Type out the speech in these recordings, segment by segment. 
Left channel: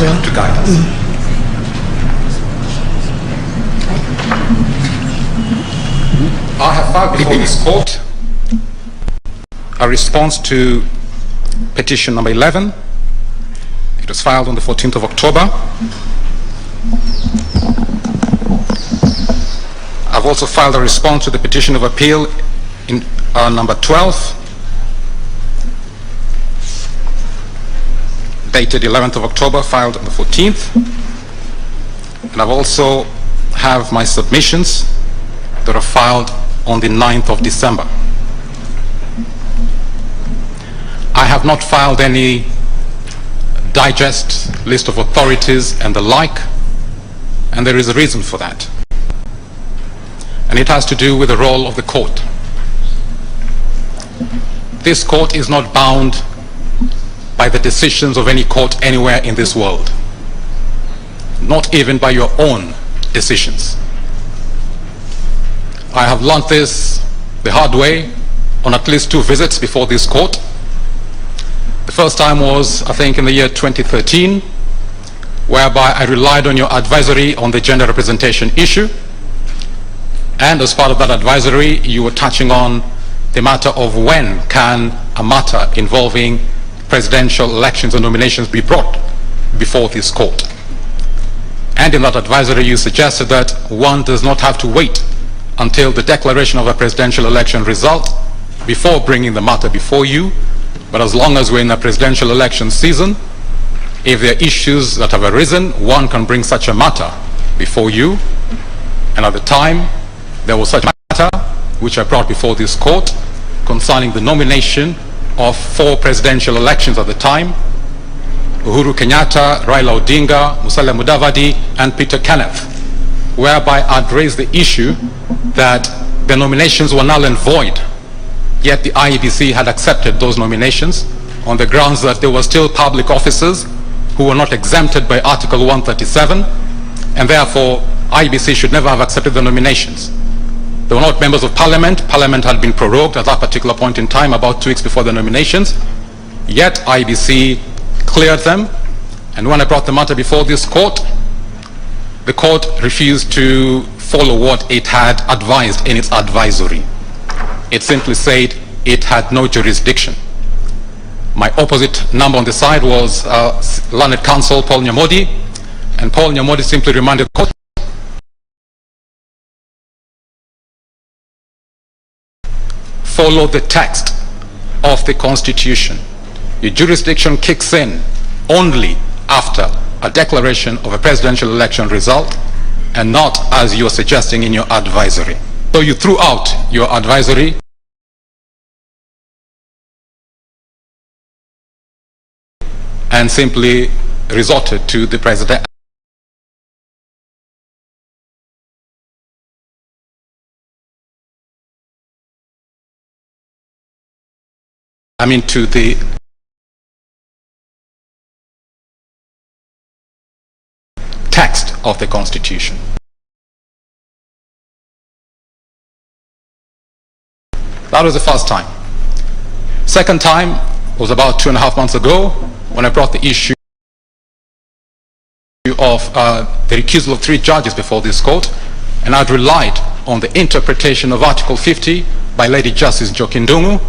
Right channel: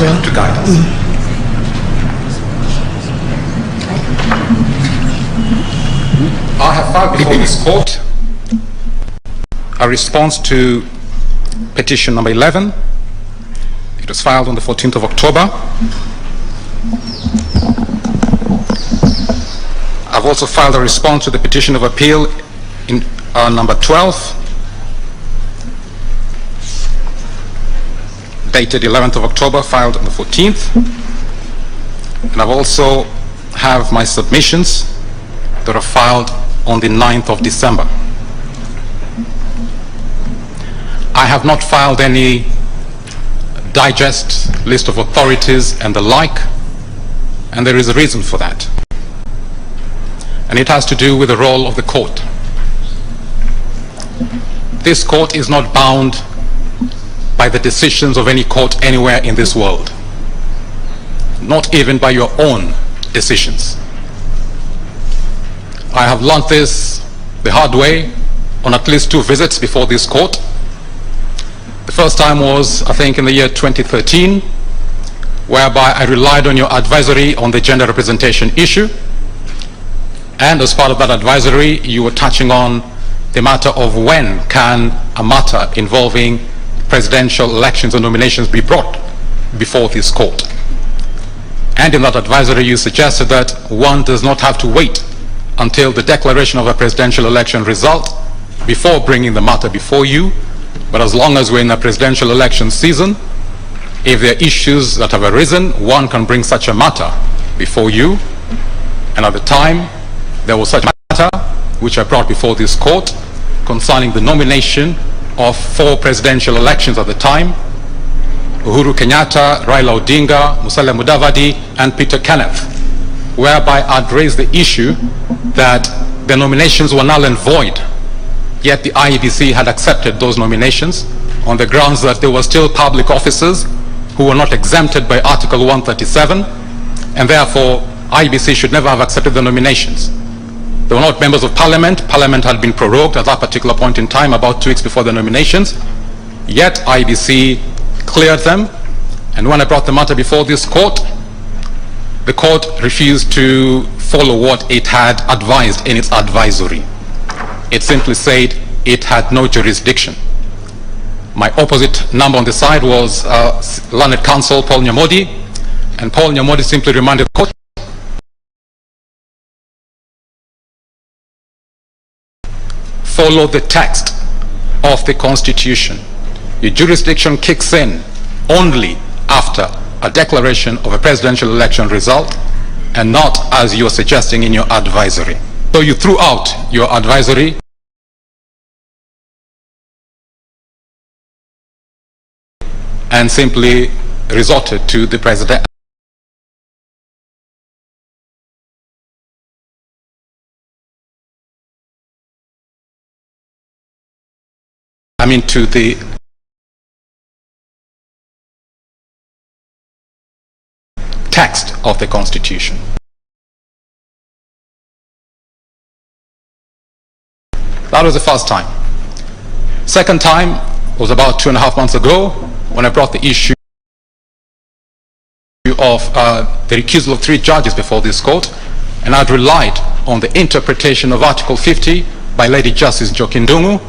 to guide us. I have filed before this court a response to petition number 11. It was filed on the 14th of October. I've also filed a response to the petition of appeal in number 12, dated 11th of October, filed on the 14th. And I've also have my submissions that are filed on the 9th of December. I have not filed any digest, list of authorities and the like, and there is a reason for that. And it has to do with the role of the court. This court is not bound by the decisions of any court anywhere in this world, not even by your own decisions. I have learned this the hard way on at least 2 visits before this court. The first time was, I think, in the year 2013, whereby I relied on your advisory on the gender representation issue. And as part of that advisory, you were touching on the matter of when can a matter involving presidential elections and nominations be brought before this court. And in that advisory, you suggested that one does not have to wait until the declaration of a presidential election result before bringing the matter before you. But as long as we're in a presidential election season, if there are issues that have arisen, one can bring such a matter before you. And at the time, there was such a matter which I brought before this court concerning the nomination of 4 presidential elections at the time: Uhuru Kenyatta, Raila Odinga, Musalia Mudavadi, and Peter Kenneth, whereby I'd raised the issue that the nominations were null and void, yet the IEBC had accepted those nominations on the grounds that they were still public officers who were not exempted by Article 137, and therefore IEBC should never have accepted the nominations. They were not members of Parliament. Parliament had been prorogued at that particular point in time, about 2 weeks before the nominations, yet IEBC cleared them. And when I brought the matter before this court, the court refused to follow what it had advised in its advisory. It simply said it had no jurisdiction. My opposite number on the side was learned counsel Paul Nyamodi, and Paul Nyamodi simply reminded the court follow the text of the Constitution. Your jurisdiction kicks in only after a declaration of a presidential election result, and not as you're suggesting in your advisory. So you threw out your advisory and simply resorted to the president. To the text of the Constitution. That was the first time. Second time was about 2.5 months ago, when I brought the issue of the recusal of 3 judges before this court, and I'd relied on the interpretation of Article 50 by Lady Justice Njoki Ndung'u.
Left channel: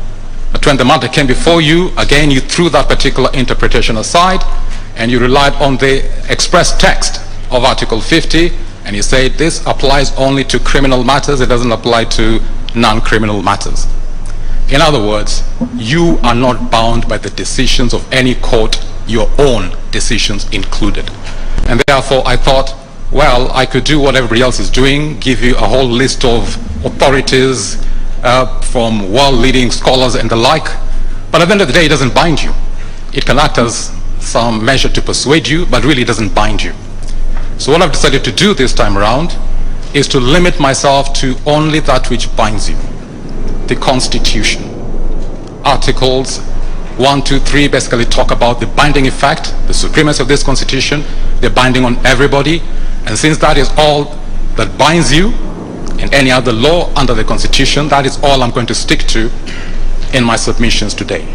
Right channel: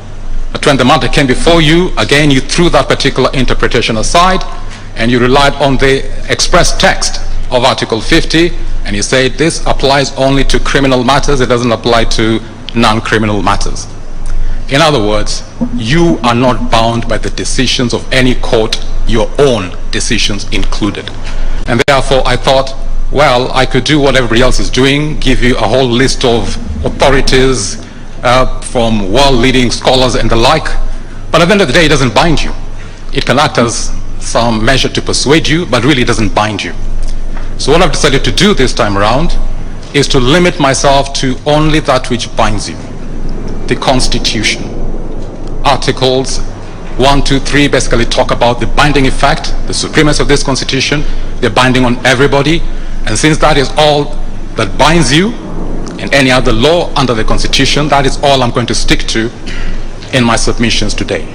But when the matter came before you, again, you threw that particular interpretation aside, and you relied on the express text of Article 50, and you said this applies only to criminal matters, it doesn't apply to non-criminal matters. In other words, you are not bound by the decisions of any court, your own decisions included. And therefore, I thought, well, I could do what everybody else is doing, give you a whole list of authorities from world-leading scholars and the like, but at the end of the day, it doesn't bind you. It can act as some measure to persuade you, but really it doesn't bind you. So what I've decided to do this time around is to limit myself to only that which binds you. The Constitution. Articles 1, 2, 3 basically talk about the binding effect, the supremacy of this Constitution. They're binding on everybody, and since that is all that binds you, and any other law under the Constitution, that is all I'm going to stick to in my submissions today.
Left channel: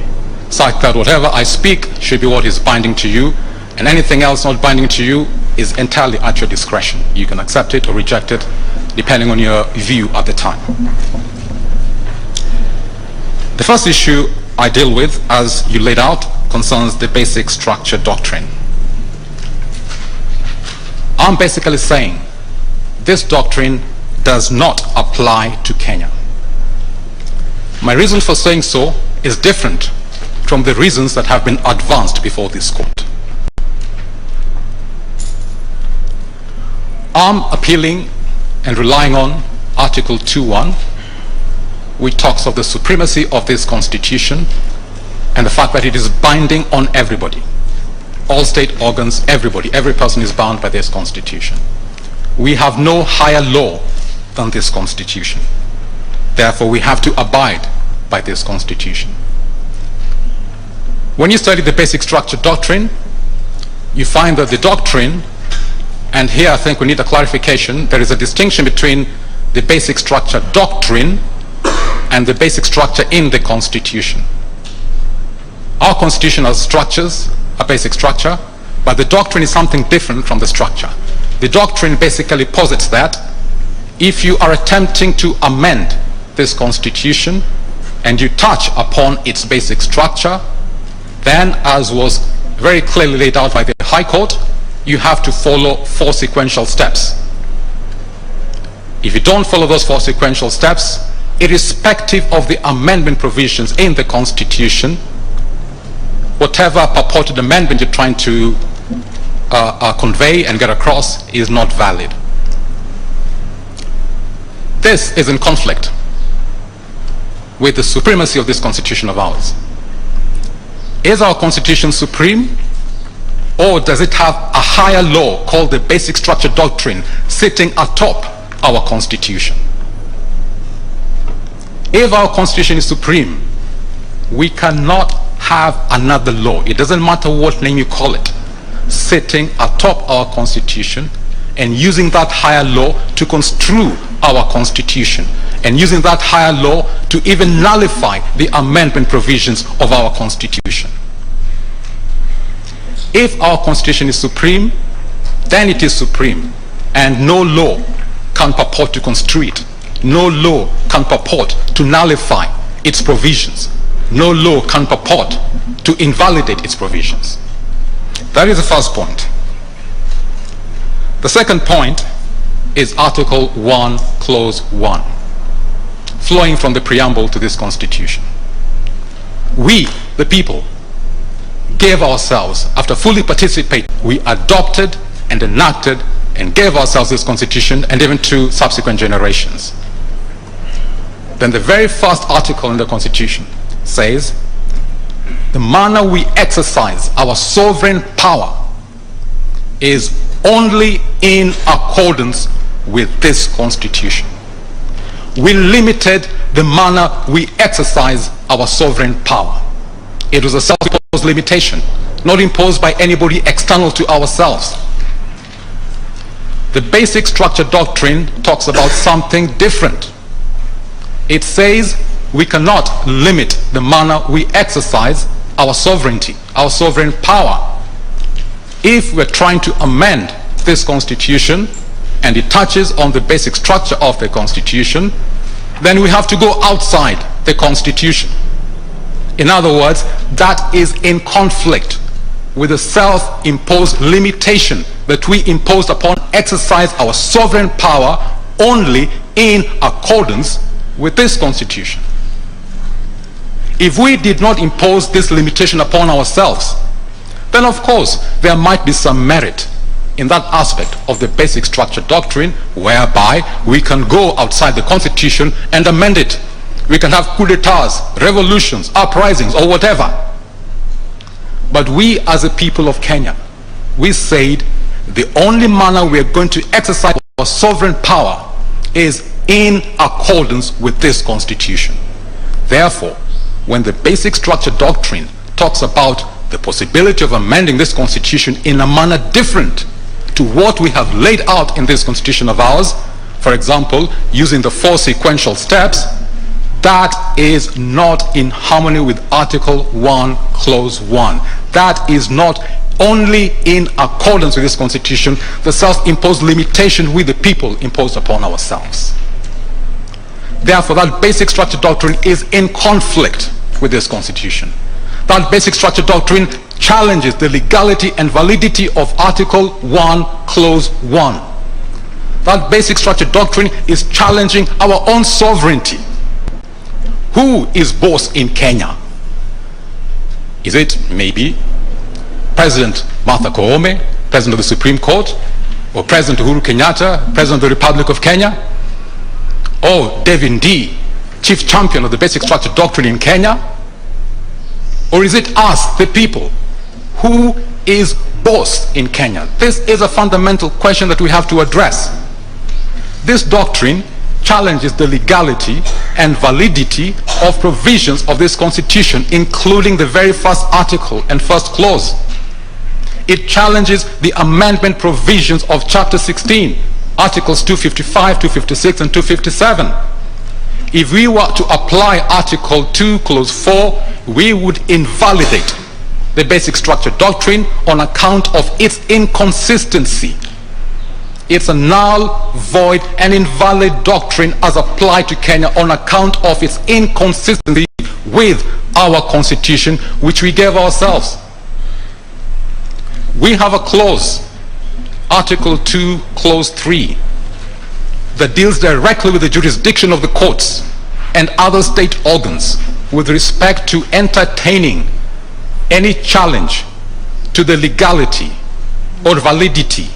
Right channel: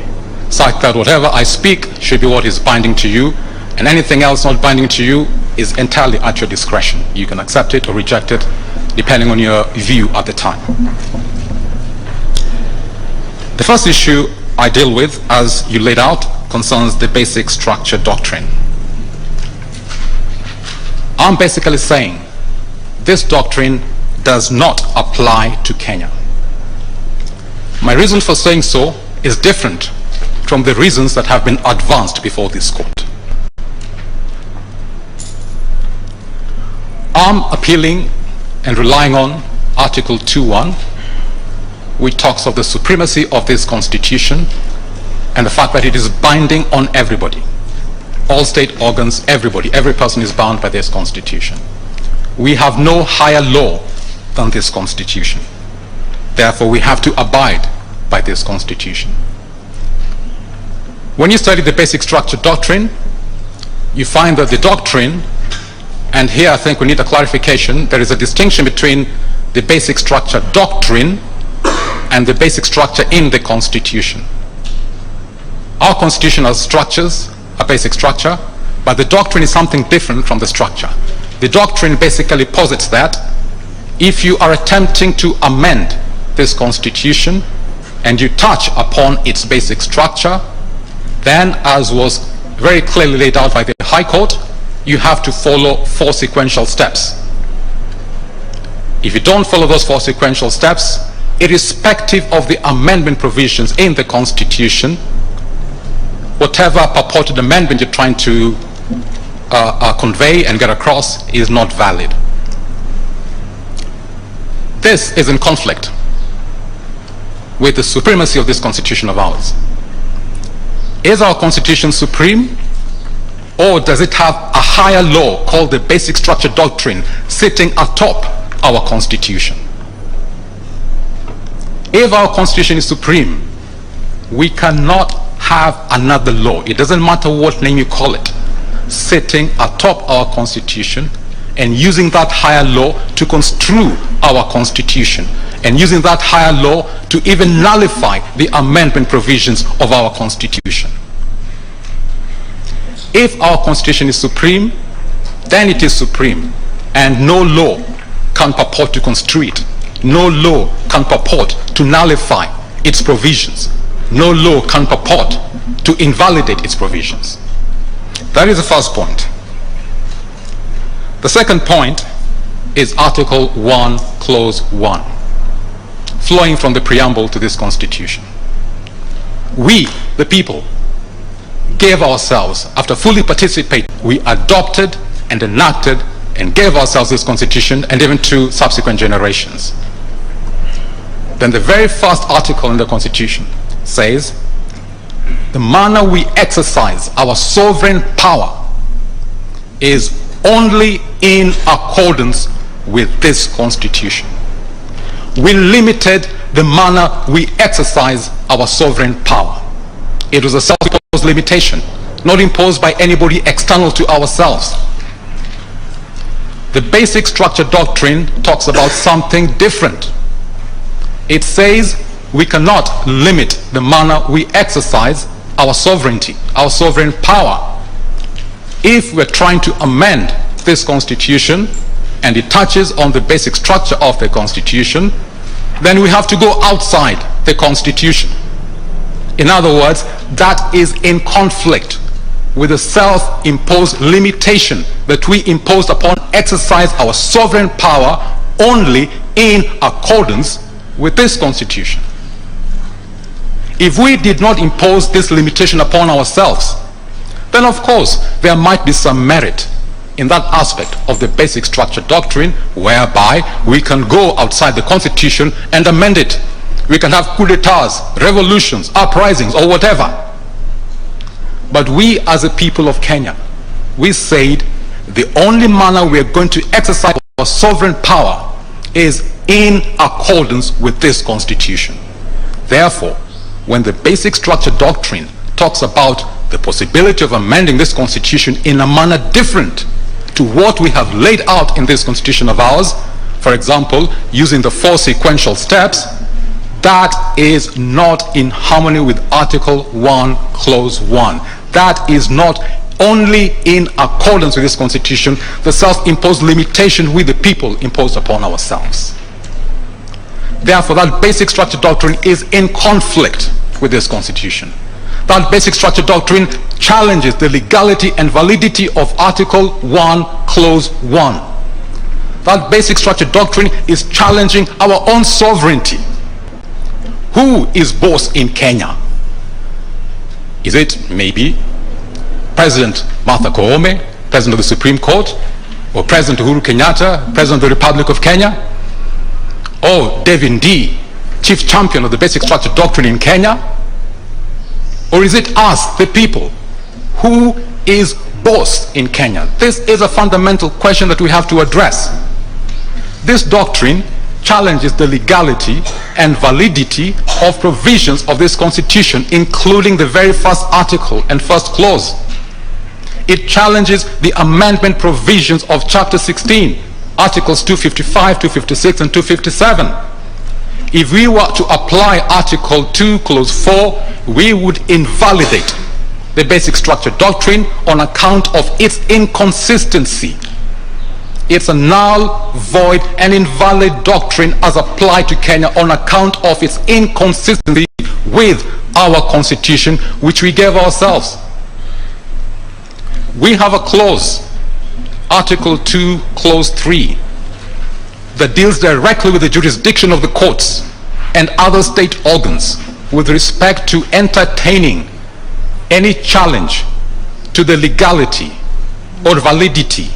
Such that whatever I speak should be what is binding to you, And anything else not binding to you is entirely at your discretion. You can accept it or reject it, depending on your view at the time. The first issue I deal with, as you laid out, concerns the basic structure doctrine. I'm basically saying this doctrine does not apply to Kenya. My reason for saying so is different from the reasons that have been advanced before this court. I'm appealing and relying on Article 2.1, which talks of the supremacy of this constitution and the fact that it is binding on everybody. All state organs, everybody, every person is bound by this constitution. We have no higher law than this constitution. Therefore, we have to abide by this constitution. When you study the basic structure doctrine, you find that the doctrine, and here I think we need a clarification, there is a distinction between the basic structure doctrine and the basic structure in the Constitution. Our Constitution has structures, a basic structure, but the doctrine is something different from the structure. The doctrine basically posits that if you are attempting to amend this Constitution and you touch upon its basic structure, then, as was very clearly laid out by the High Court, you have to follow 4 sequential steps. If you don't follow those 4 sequential steps, irrespective of the amendment provisions in the Constitution, whatever purported amendment you're trying to convey and get across is not valid. This is in conflict with the supremacy of this Constitution of ours. Is our Constitution supreme, or does it have a higher law called the basic structure doctrine sitting atop our Constitution? If our Constitution is supreme, we cannot have another law, it doesn't matter what name you call it, sitting atop our Constitution and using that higher law to construe our Constitution, and using that higher law to even nullify the amendment provisions of our Constitution. If our Constitution is supreme, then it is supreme, and no law can purport to construe it. No law can purport to nullify its provisions. No law can purport to invalidate its provisions. That is the first point. The second point is Article 1, Clause 1, flowing from the preamble to this Constitution. We, the people, gave ourselves, after fully participating, we adopted and enacted and gave ourselves this Constitution, and even to subsequent generations. Then the very first article in the Constitution says, the manner we exercise our sovereign power is only in accordance with this Constitution. We limited the manner we exercise our sovereign power. It was a self-imposed limitation, not imposed by anybody external to ourselves. The basic structure doctrine talks about something different. It says we cannot limit the manner we exercise our sovereignty, our sovereign power. If we're trying to amend this Constitution and it touches on the basic structure of the Constitution, then we have to go outside the Constitution. In other words, that is in conflict with the self-imposed limitation that we imposed upon exercise our sovereign power only in accordance with this Constitution. If we did not impose this limitation upon ourselves, then of course there might be some merit in that aspect of the basic structure doctrine, whereby we can go outside the Constitution and amend it. We can have coup d'etats, revolutions, uprisings, or whatever. But we as a people of Kenya, we said the only manner we are going to exercise our sovereign power is in accordance with this Constitution. Therefore, when the basic structure doctrine talks about the possibility of amending this Constitution in a manner different to what we have laid out in this Constitution of ours, for example, using the 4 sequential steps, that is not in harmony with Article 1, Clause 1. That is not only in accordance with this constitution, the self-imposed limitation we the people imposed upon ourselves. Therefore, that basic structure doctrine is in conflict with this constitution. That basic structure doctrine challenges the legality and validity of Article 1, Clause 1. That basic structure doctrine is challenging our own sovereignty. Who is boss in Kenya? Is it maybe President Martha Koome, President of the Supreme Court, or President Uhuru Kenyatta, President of the Republic of Kenya, or Devin D, Chief Champion of the basic structure doctrine in Kenya? Or is it us, the people? Who is boss in Kenya? This is a fundamental question that we have to address. This doctrine challenges the legality and validity of provisions of this constitution, including the very first article and first clause. It challenges the amendment provisions of Chapter 16, Articles 255, 256, and 257. If we were to apply Article 2, Clause 4, we would invalidate the basic structure doctrine on account of its inconsistency. It's a null, void, and invalid doctrine as applied to Kenya on account of its inconsistency with our constitution, which we gave ourselves. We have a clause, Article 2, Clause 3, that deals directly with the jurisdiction of the courts and other state organs with respect to entertaining any challenge to the legality or validity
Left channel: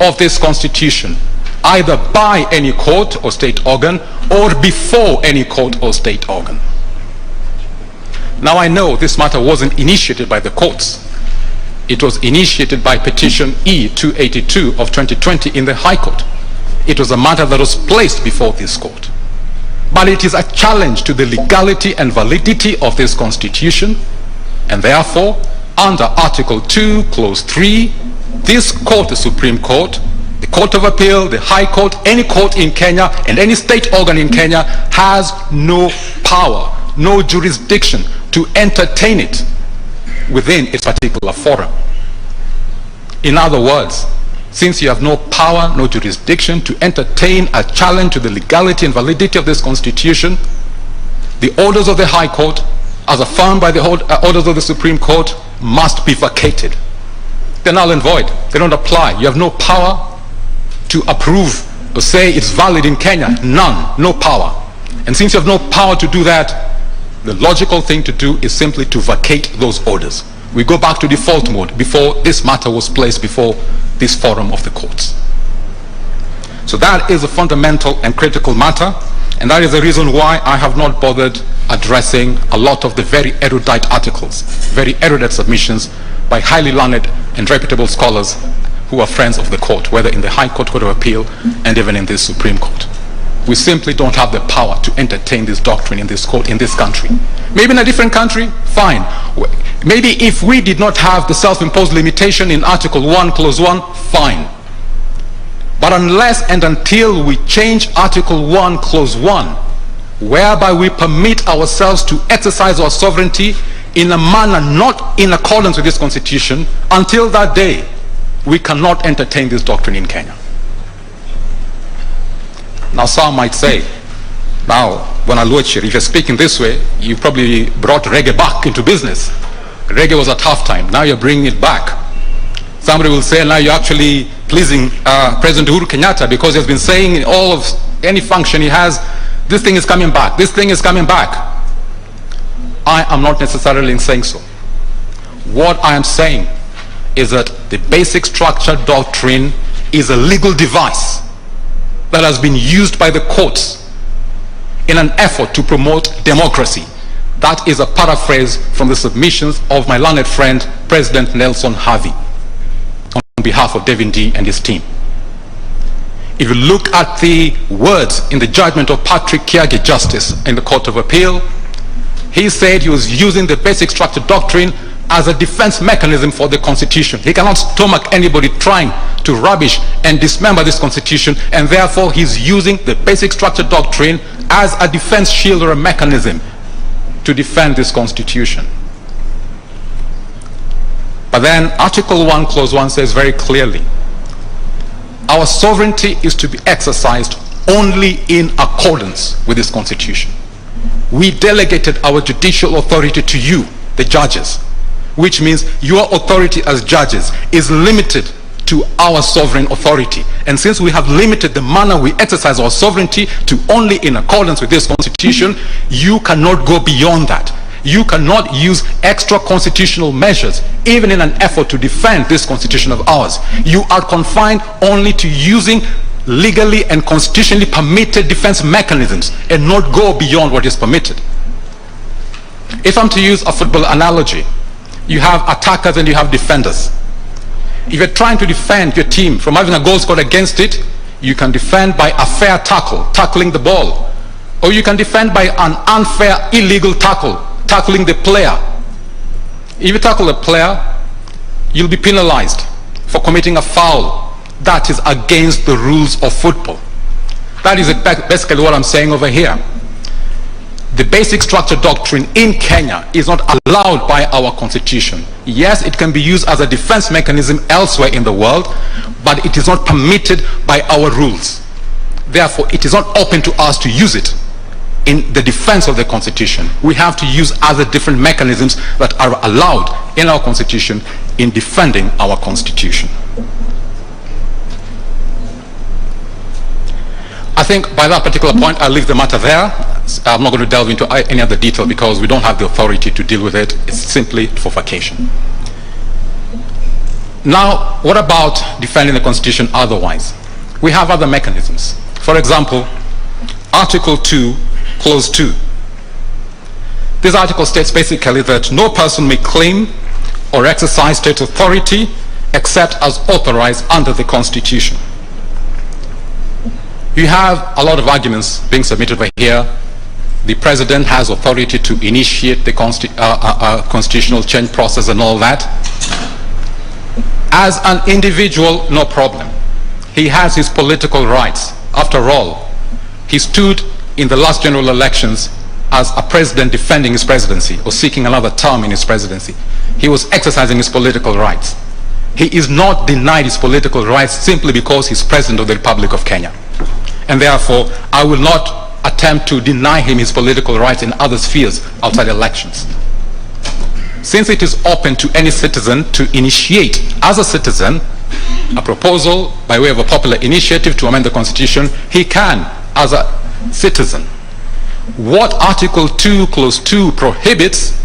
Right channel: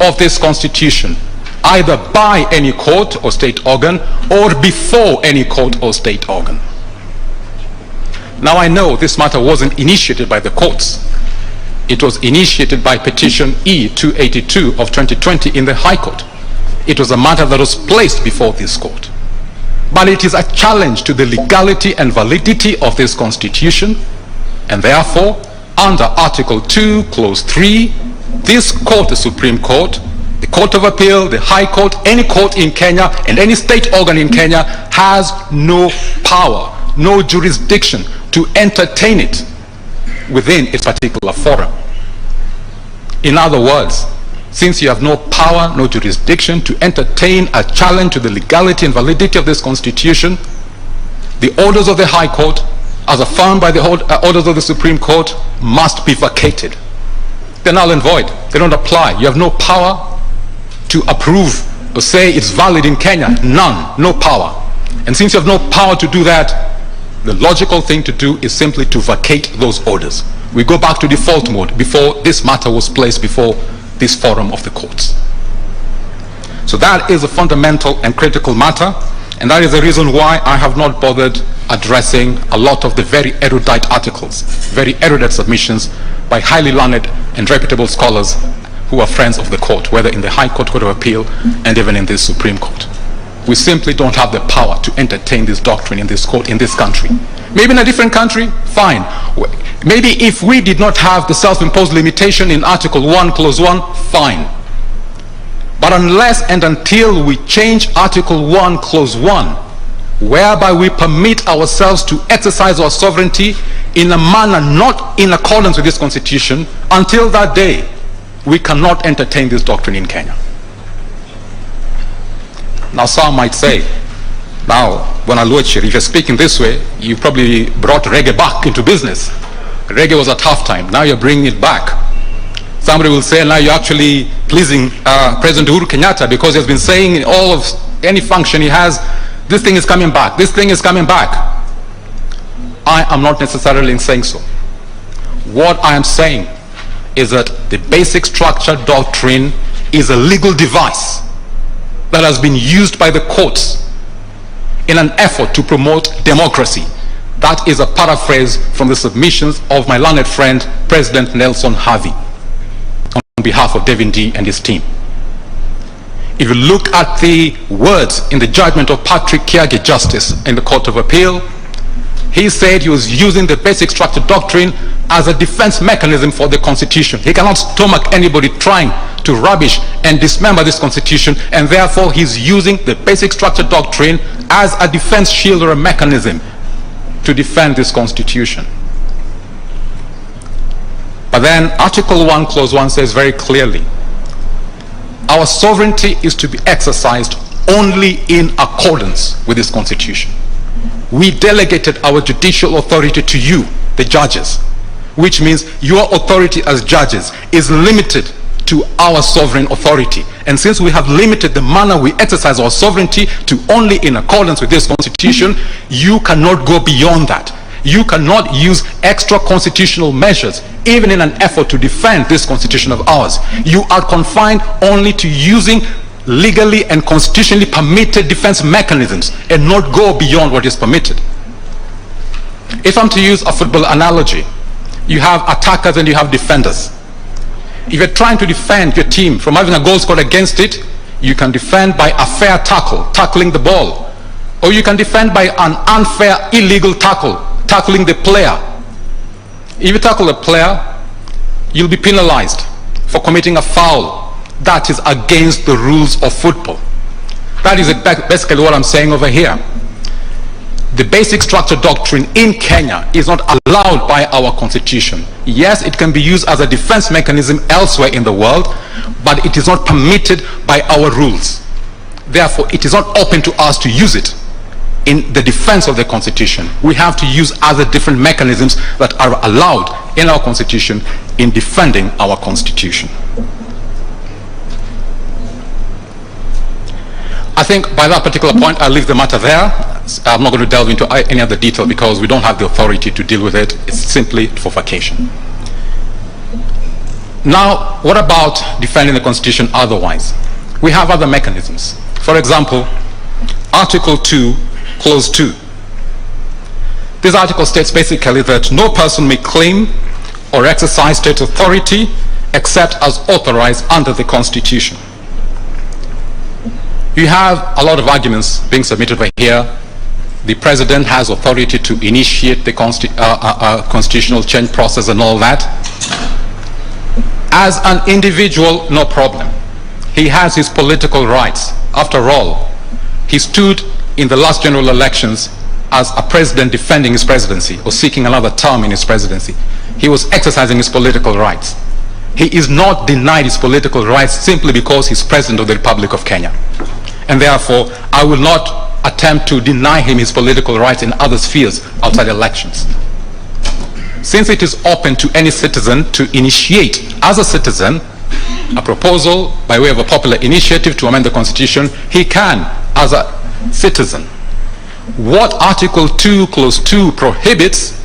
of this constitution, either by any court or state organ or before any court or state organ. Now, I know this matter wasn't initiated by the courts. It was initiated by petition E-282 of 2020 in the High Court. It was a matter that was placed before this court. But it is a challenge to the legality and validity of this constitution, and therefore, under Article 2, Clause 3, this court, the Supreme Court, the Court of Appeal, the High Court, any court in Kenya, and any state organ in Kenya has no power, no jurisdiction to entertain it within its particular forum. In other words, since you have no power, no jurisdiction to entertain a challenge to the legality and validity of this constitution, the orders of the High Court, as affirmed by the orders of the Supreme Court, must be vacated. They're null and void. They don't apply. You have no power to approve or say it's valid in Kenya. None. No power. And since you have no power to do that, the logical thing to do is simply to vacate those orders. We go back to default mode before this matter was placed before this forum of the courts. So that is a fundamental and critical matter, and that is the reason why I have not bothered addressing a lot of the very erudite articles, very erudite submissions by highly learned and reputable scholars who are friends of the court, whether in the High Court, Court of Appeal, and even in the Supreme Court. We simply don't have the power to entertain this doctrine in this court, in this country. Maybe in a different country, fine. Maybe if we did not have the self-imposed limitation in Article 1, Clause 1, fine. But unless and until we change Article 1, Clause 1, whereby we permit ourselves to exercise our sovereignty in a manner not in accordance with this constitution, until that day, we cannot entertain this doctrine in Kenya. Now, some might say, now, when Aluochier, if you're speaking this way, you probably brought reggae back into business. Reggae was at halftime. Now you're bringing it back. Somebody will say, now you're actually pleasing President Uhuru Kenyatta because he has been saying in all of any function he has, this thing is coming back. This thing is coming back. I am not necessarily saying so. What I am saying is that the basic structure doctrine is a legal device that has been used by the courts in an effort to promote democracy. That is a paraphrase from the submissions of my learned friend, President Nelson Harvey, on behalf of Devin D and his team. If you look at the words in the judgment of Patrick Kiage, Justice in the Court of Appeal, he said he was using the basic structure doctrine as a defense mechanism for the Constitution. He cannot stomach anybody trying to rubbish and dismember this Constitution, and therefore he's using the basic structure doctrine as a defense shield or a mechanism to defend this Constitution. But then Article 1, Clause 1 says very clearly, our sovereignty is to be exercised only in accordance with this Constitution. We delegated our judicial authority to you, the judges, which means your authority as judges is limited to our sovereign authority. And since we have limited the manner we exercise our sovereignty to only in accordance with this Constitution, you cannot go beyond that. You cannot use extra constitutional measures, even in an effort to defend this Constitution of ours. You are confined only to using legally and constitutionally permitted defense mechanisms and not go beyond what is permitted. If I'm to use a football analogy, you have attackers and you have defenders. If you're trying to defend your team from having a goal scored against it, you can defend by a fair tackle, tackling the ball. Or you can defend by an unfair, illegal tackle, tackling the player. If you tackle a player, you'll be penalized for committing a foul. That is against the rules of football. That is basically what I'm saying over here. The basic structure doctrine in Kenya is not allowed by our Constitution. Yes, it can be used as a defense mechanism elsewhere in the world, but it is not permitted by our rules. Therefore, it is not open to us to use it in the defense of the Constitution. We have to use other different mechanisms that are allowed in our Constitution in defending our Constitution. I think by that particular point, I'll leave the matter there. I'm not going to delve into any other detail because we don't have the authority to deal with it. It's simply for vacation. Now, what about defending the Constitution otherwise? We have other mechanisms. For example, Article 2, Clause 2. This article states basically that no person may claim or exercise state authority except as authorized under the Constitution. You have a lot of arguments being submitted by here. The president has authority to initiate the constitutional change process and all that. As an individual, no problem. He has his political rights. After all, he stood in the last general elections as a president defending his presidency or seeking another term in his presidency. He was exercising his political rights. He is not denied his political rights simply because he's president of the Republic of Kenya. And therefore, I will not attempt to deny him his political rights in other spheres outside elections. Since it is open to any citizen to initiate, as a citizen, a proposal by way of a popular initiative to amend the Constitution, he can, as a citizen. What Article 2, Clause 2 prohibits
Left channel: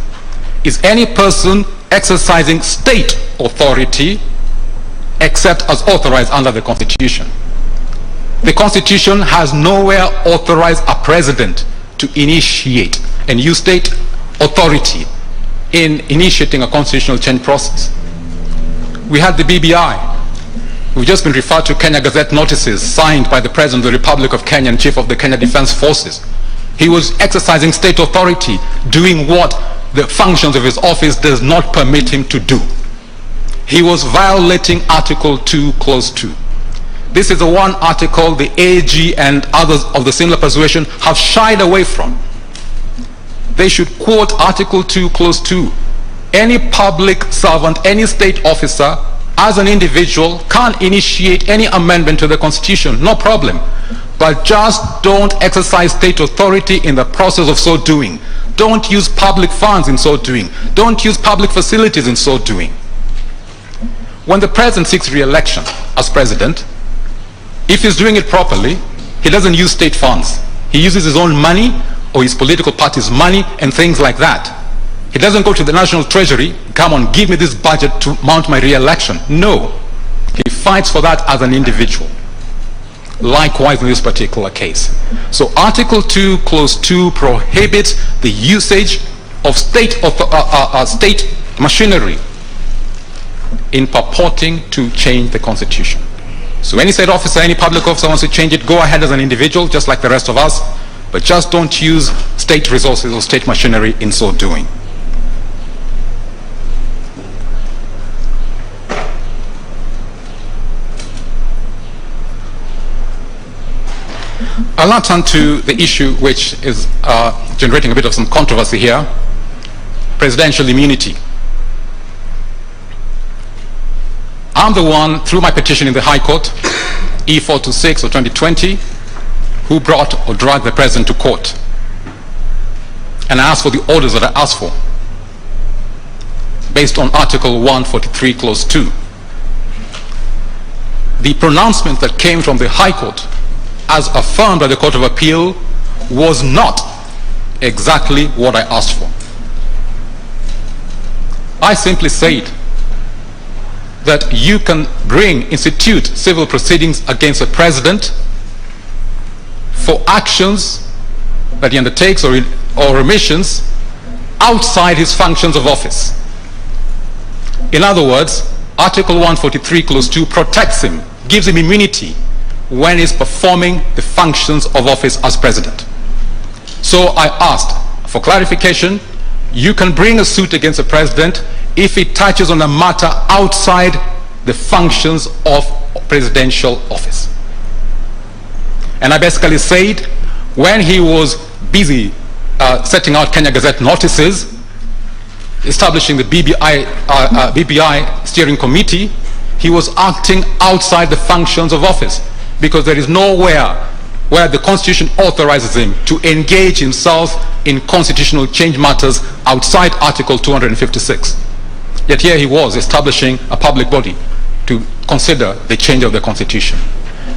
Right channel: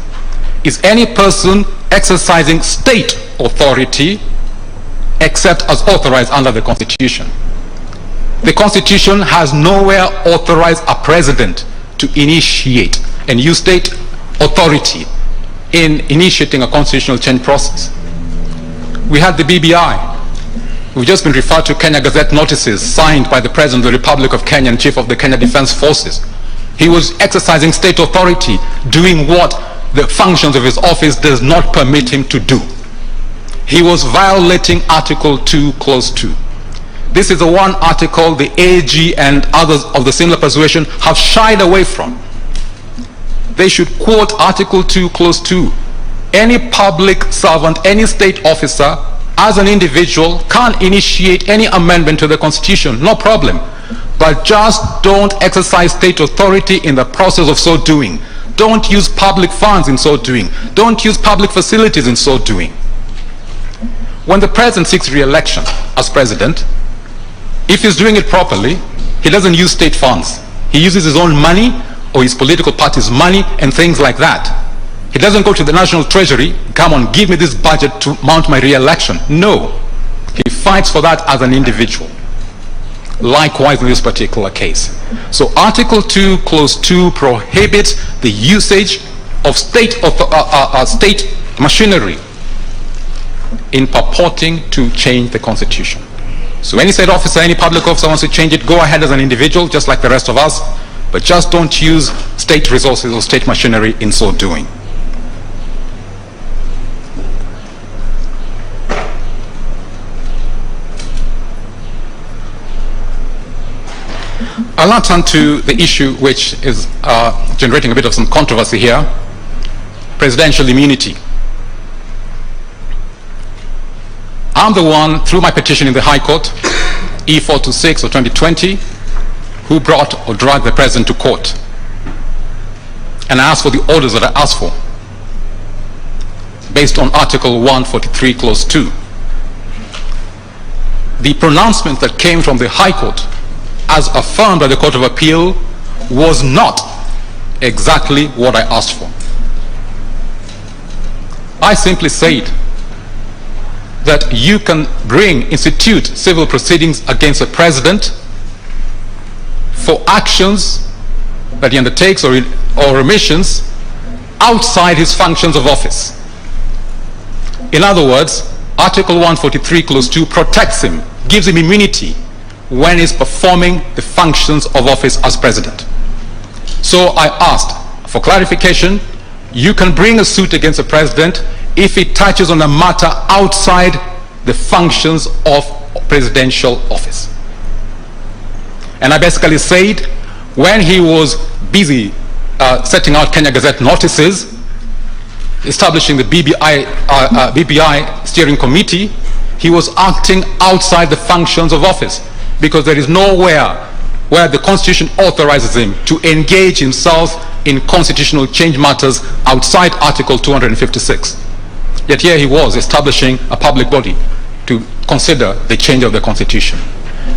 is any person exercising state authority except as authorized under the Constitution. The Constitution has nowhere authorized a president to initiate and use state authority in initiating a constitutional change process. We had the BBI. We've just been referred to Kenya Gazette notices signed by the President of the Republic of Kenya and Chief of the Kenya Defense Forces. He was exercising state authority, doing what the functions of his office does not permit him to do. He was violating Article 2, Clause 2. This is the one article the AG and others of the similar persuasion have shied away from. They should quote Article 2, Clause 2. Any public servant, any state officer, as an individual, can initiate any amendment to the Constitution, no problem. But just don't exercise state authority in the process of so doing. Don't use public funds in so doing. Don't use public facilities in so doing. When the president seeks re-election as president, if he's doing it properly, he doesn't use state funds. He uses his own money or his political party's money and things like that. He doesn't go to the National Treasury, come on, give me this budget to mount my re-election. No. He fights for that as an individual. Likewise in this particular case. So Article 2, Clause 2 prohibits the usage of state machinery in purporting to change the Constitution. So any state officer, any public officer wants to change it, go ahead as an individual, just like the rest of us, but just don't use state resources or state machinery in so doing. I'll now turn to the issue which is generating a bit of some controversy here, presidential immunity. I'm the one, through my petition in the High Court, E426 of 2020, who brought or dragged the President to court. And I asked for the orders that I asked for, based on Article 143, Clause 2. The pronouncement that came from the High Court, as affirmed by the Court of Appeal, was not exactly what I asked for. I simply said that you can institute civil proceedings against a president for actions that he undertakes or omissions outside his functions of office. In other words, Article 143, Clause 2 protects him, gives him immunity when he's performing the functions of office as president. So I asked for clarification. You can bring a suit against a president if it touches on a matter outside the functions of presidential office. And I basically said, when he was busy setting out Kenya Gazette notices, establishing the BBI steering committee, he was acting outside the functions of office, because there is nowhere where the Constitution authorizes him to engage himself in constitutional change matters outside Article 256. Yet here he was establishing a public body to consider the change of the Constitution.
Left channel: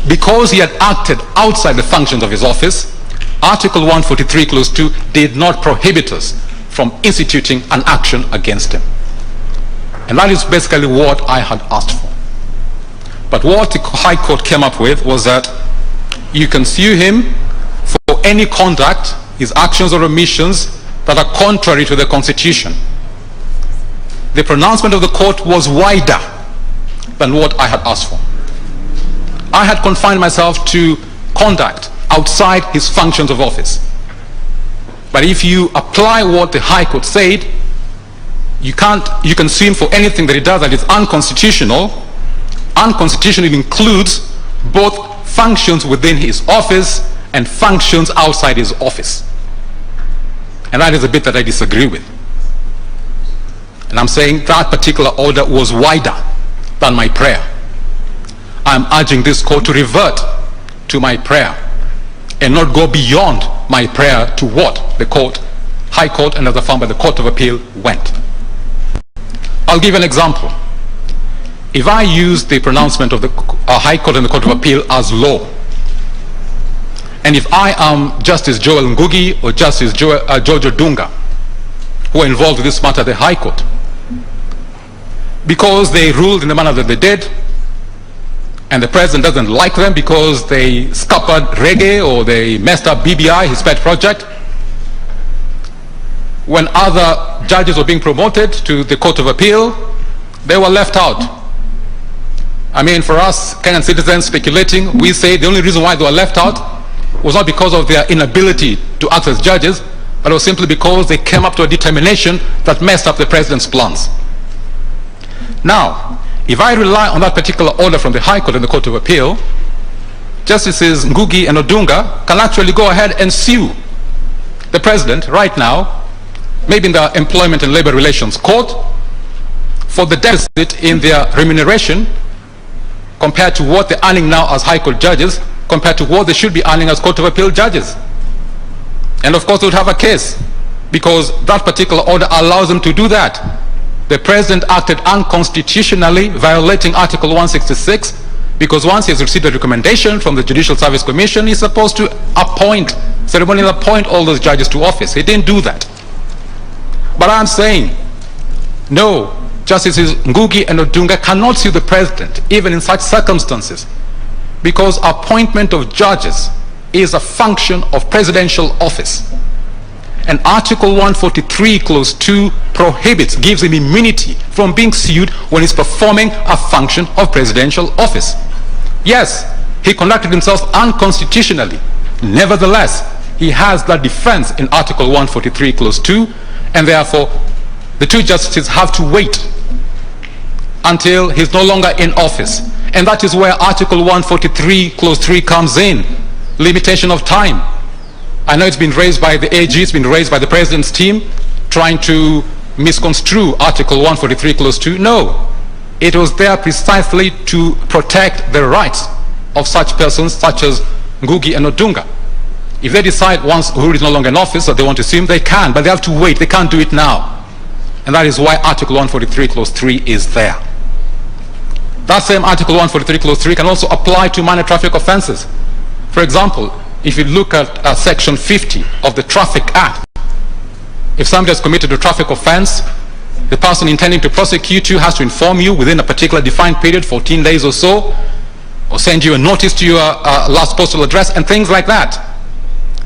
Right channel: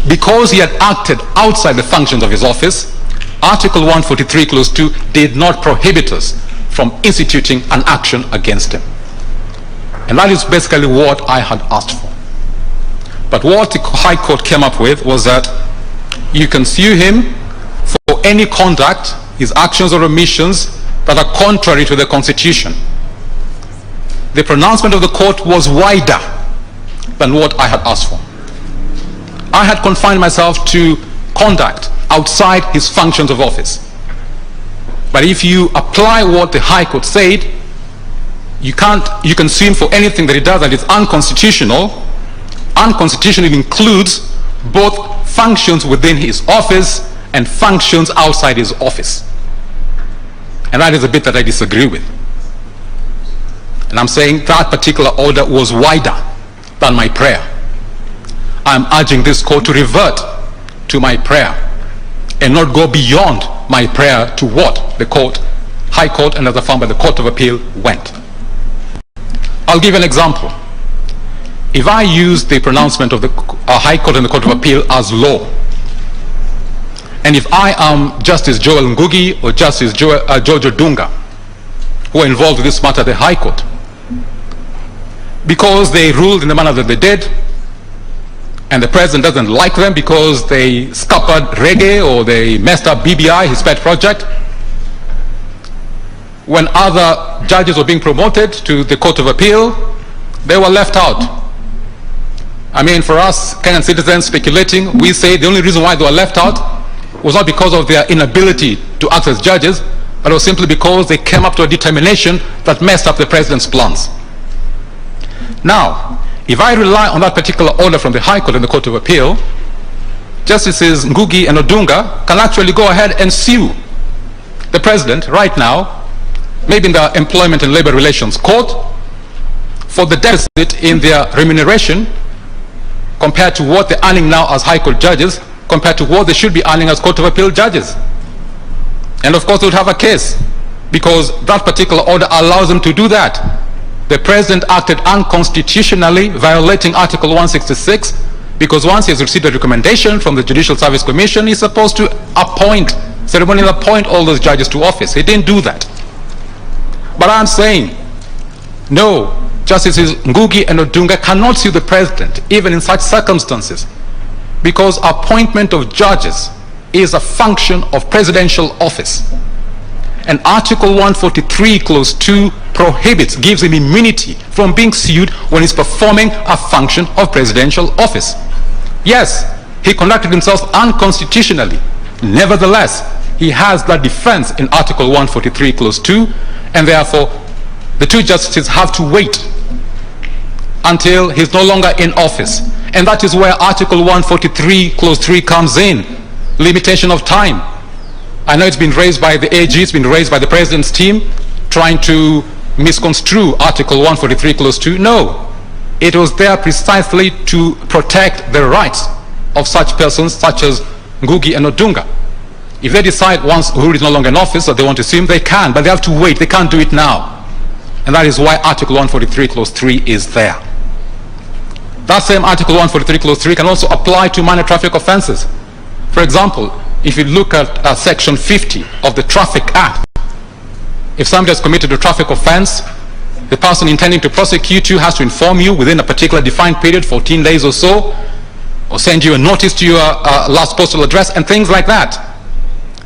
Because he had acted outside the functions of his office, Article 143, Clause 2 did not prohibit us from instituting an action against him. And that is basically what I had asked for. But what the High Court came up with was that you can sue him for any conduct, his actions or omissions, that are contrary to the Constitution. The pronouncement of the court was wider than what I had asked for. I had confined myself to conduct outside his functions of office. But if you apply what the High Court said, you can sue him for anything that he does that is unconstitutional. Unconstitutional includes both functions within his office and functions outside his office. And that is a bit that I disagree with. And I'm saying that particular order was wider than my prayer. I'm urging this court to revert to my prayer and not go beyond my prayer to what the court, High Court, and as affirmed by the Court of Appeal, went. I'll give an example. If I use the pronouncement of the High Court and the Court of Appeal as law, and if I am Justice Joel Ngugi or Justice George Odunga, who are involved in this matter at the High Court, because they ruled in the manner that they did, and the president doesn't like them because they scuppered reggae or they messed up BBI, his pet project, when other judges were being promoted to the Court of Appeal, they were left out. I mean, for us Kenyan citizens speculating, we say the only reason why they were left out was not because of their inability to act as judges, but it was simply because they came up to a determination that messed up the president's plans. Now, if I rely on that particular order from the High Court and the Court of Appeal, Justices Ngugi and Odunga can actually go ahead and sue the president right now, maybe in the Employment and Labor Relations Court, for the deficit in their remuneration compared to what they're earning now as High Court judges, compared to what they should be earning as Court of Appeal judges. And of course they would have a case, because that particular order allows them to do that. The president acted unconstitutionally, violating Article 166, because once he has received a recommendation from the Judicial Service Commission, he's supposed to ceremonially appoint all those judges to office. He didn't do that. But I'm saying, no, Justices Ngugi and Odunga cannot sue the president, even in such circumstances, because appointment of judges is a function of presidential office. And Article 143, Clause 2 prohibits, gives him immunity from being sued when he's performing a function of presidential office. Yes, he conducted himself unconstitutionally. Nevertheless, he has that defense in Article 143, Clause 2, and therefore the two justices have to wait until he's no longer in office. And that is where Article 143, Clause 3 comes in, limitation of time. I know it's been raised by the AG, it's been raised by the president's team, trying to misconstrue Article 143, Clause 2. No. It was there precisely to protect the rights of such persons such as Ngugi and Odunga. If they decide once Uhuru is no longer in office that they want to sue him, they can, but they have to wait. They can't do it now. And that is why Article 143, Clause 3 is there. That same Article 143, Clause 3 can also apply to minor traffic offenses. For example, if you look at Section 50 of the Traffic Act, if somebody has committed a traffic offense, the person intending to prosecute you has to inform you within a particular defined period, 14 days or so, or send you a notice to your last postal address and things like that.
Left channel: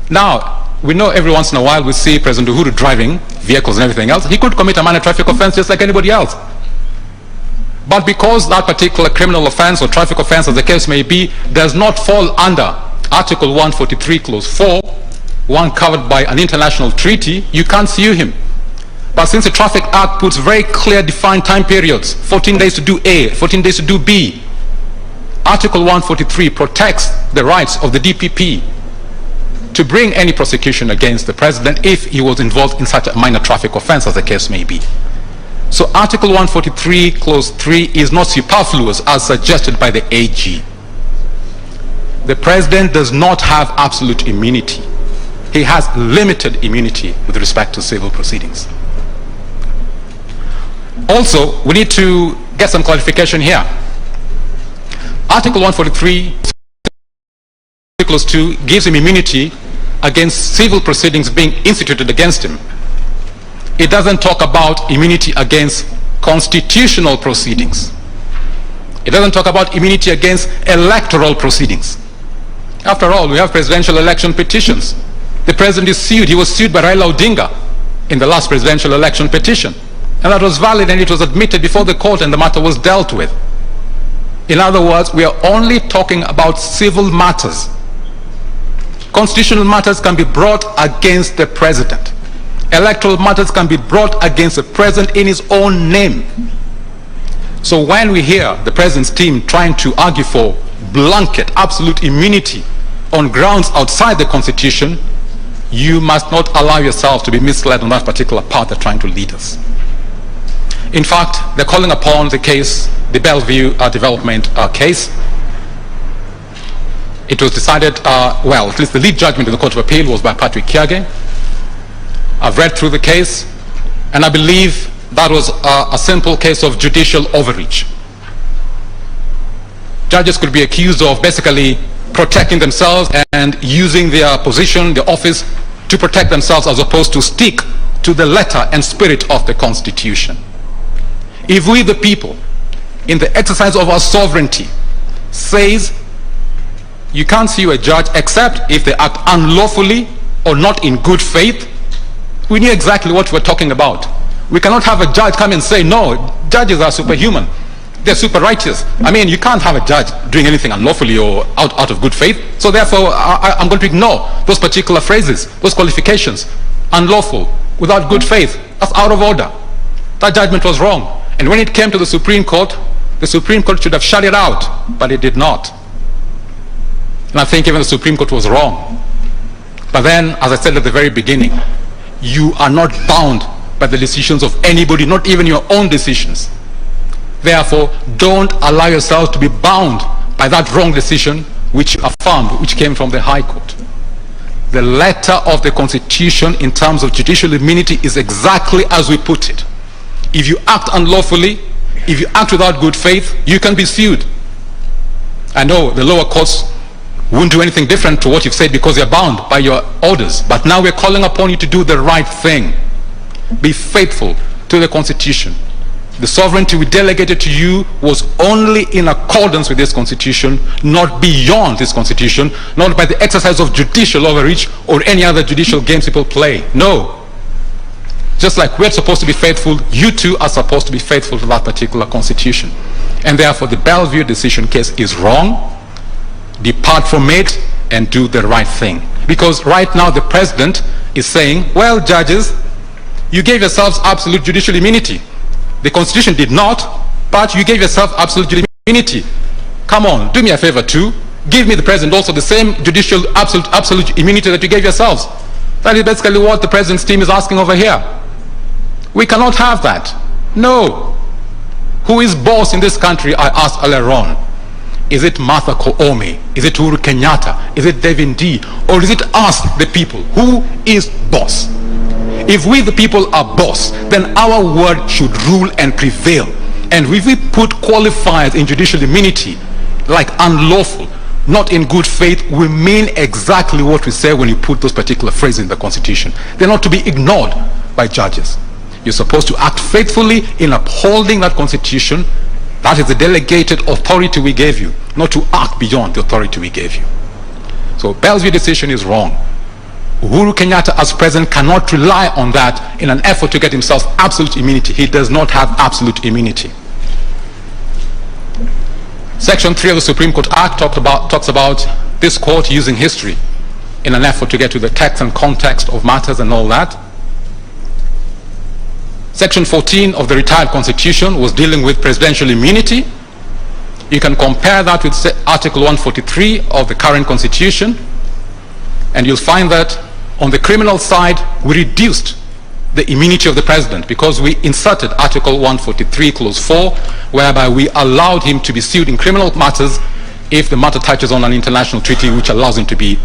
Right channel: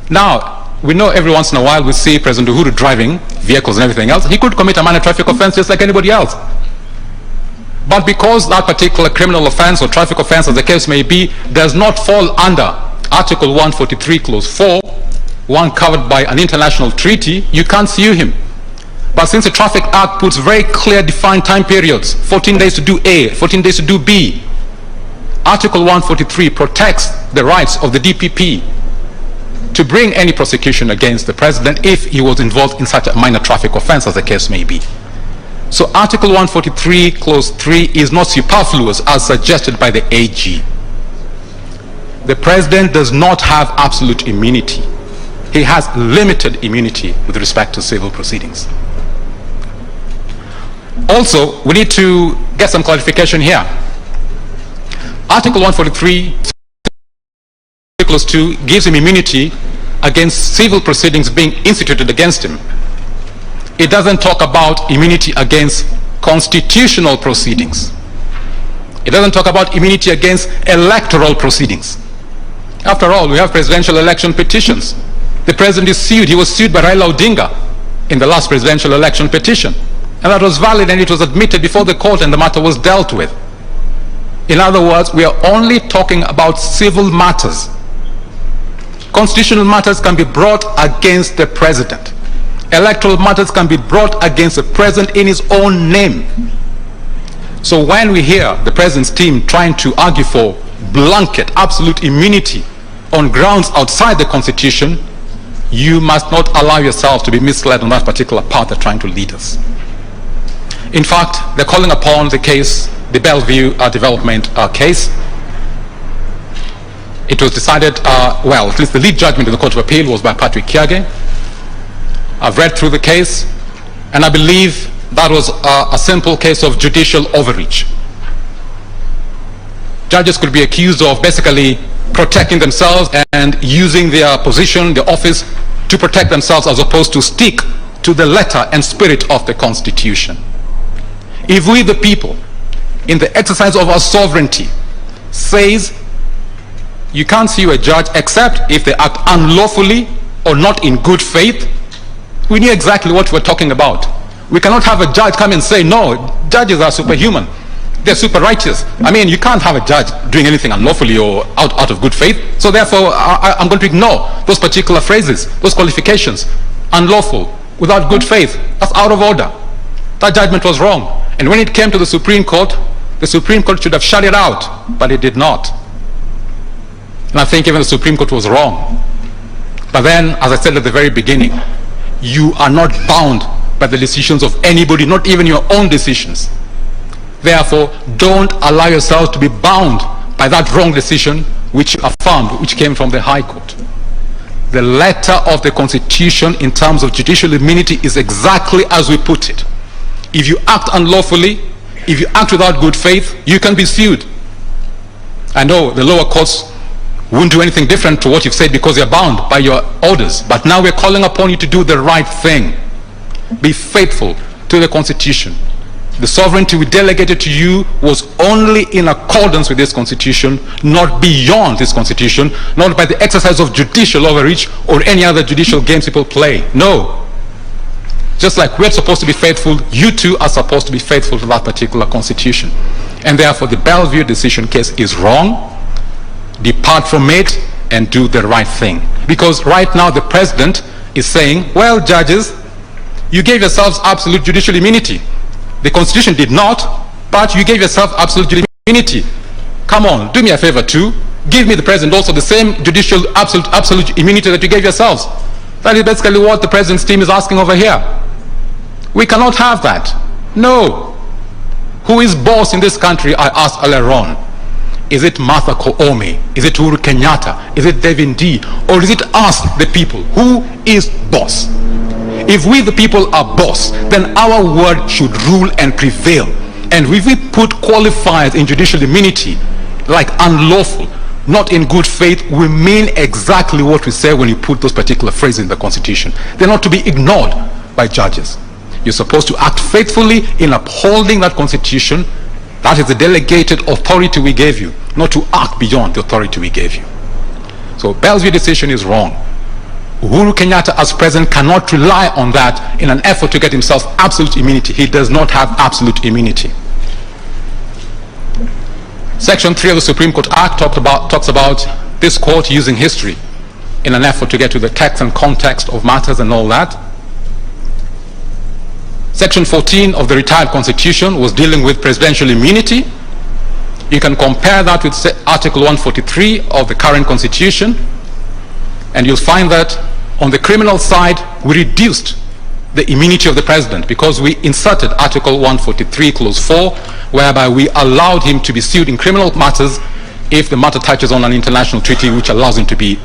Now, we know every once in a while we see President Uhuru driving vehicles and everything else. He could commit a minor traffic offense just like anybody else. But because that particular criminal offense or traffic offense, as the case may be, does not fall under Article 143, Clause 4, one covered by an international treaty, you can't sue him. But since the Traffic Act puts very clear defined time periods, 14 days to do A, 14 days to do B, Article 143 protects the rights of the DPP to bring any prosecution against the president if he was involved in such a minor traffic offense as the case may be. So Article 143, Clause 3 is not superfluous as suggested by the AG. The president does not have absolute immunity. He has limited immunity with respect to civil proceedings. Also, we need to get some clarification here. Article 143, Clause 2 gives him immunity against civil proceedings being instituted against him. It doesn't talk about immunity against constitutional proceedings. It doesn't talk about immunity against electoral proceedings. After all, we have presidential election petitions. The president is sued. He was sued by Raila Odinga in the last presidential election petition. And that was valid and it was admitted before the court and the matter was dealt with. In other words, we are only talking about civil matters. Constitutional matters can be brought against the president. Electoral matters can be brought against the president in his own name. So when we hear the president's team trying to argue for blanket, absolute immunity on grounds outside the Constitution, you must not allow yourself to be misled on that particular path they're trying to lead us. In fact, they're calling upon the case, the Bellevue development case. It was decided, well, at least the lead judgment in the Court of Appeal was by Patrick Kiage. I've read through the case, and I believe that was a simple case of judicial overreach. Judges could be accused of basically protecting themselves and using their position, their office, to protect themselves as opposed to stick to the letter and spirit of the Constitution. If we, the people, in the exercise of our sovereignty, says you can't sue a judge except if they act unlawfully or not in good faith, we knew exactly what we're talking about. We cannot have a judge come and say, no, judges are superhuman. They're super righteous. I mean, you can't have a judge doing anything unlawfully or out of good faith. So therefore, I'm going to ignore those particular phrases, those qualifications. Unlawful, without good faith, that's out of order. That judgment was wrong. And when it came to the Supreme Court should have shut it out, but it did not. And I think even the Supreme Court was wrong. But then, as I said at the very beginning, you are not bound by the decisions of anybody, not even your own decisions. Therefore, don't allow yourself to be bound by that wrong decision which you affirmed, which came from the High Court. The letter of the Constitution in terms of judicial immunity is exactly as we put it. If you act unlawfully, if you act without good faith, you can be sued. I know the lower courts won't do anything different to what you've said because you're bound by your orders. But now we're calling upon you to do the right thing. Be faithful to the Constitution. The sovereignty we delegated to you was only in accordance with this Constitution, not beyond this Constitution, not by the exercise of judicial overreach or any other judicial games people play. No. Just like we're supposed to be faithful, you too are supposed to be faithful to that particular Constitution. And therefore the Bellevue decision case is wrong. Depart from it and do the right thing. Because right now the president is saying, well, judges, you gave yourselves absolute judicial immunity. The Constitution did not, but you gave yourself absolute immunity. Come on, do me a favor too. Give me, the president, also the same judicial absolute immunity that you gave yourselves. That is basically what the president's team is asking over here. We cannot have that. No. Who is boss in this country? I asked earlier on. Is it Martha Koome? Is it Uhuru Kenyatta? Is it Devin D? Or is it us, the people? Who is boss? If we, the people, are boss, then our word should rule and prevail. And if we put qualifiers in judicial immunity, like unlawful, not in good faith, we mean exactly what we say when you put those particular phrases in the Constitution. They're not to be ignored by judges. You're supposed to act faithfully in upholding that Constitution. That is the delegated authority we gave you, not to act beyond the authority we gave you. So Bell's view decision is wrong. Uhuru Kenyatta as president cannot rely on that in an effort to get himself absolute immunity. He does not have absolute immunity. Section 3 of the Supreme Court Act talks about this court using history in an effort to get to the text and context of matters and all that. Section 14 of the retired Constitution was dealing with presidential immunity. You can compare that with Article 143 of the current Constitution, and you'll find that on the criminal side, we reduced the immunity of the president because we inserted Article 143, Clause 4, whereby we allowed him to be sued in criminal matters if the matter touches on an international treaty which allows him to be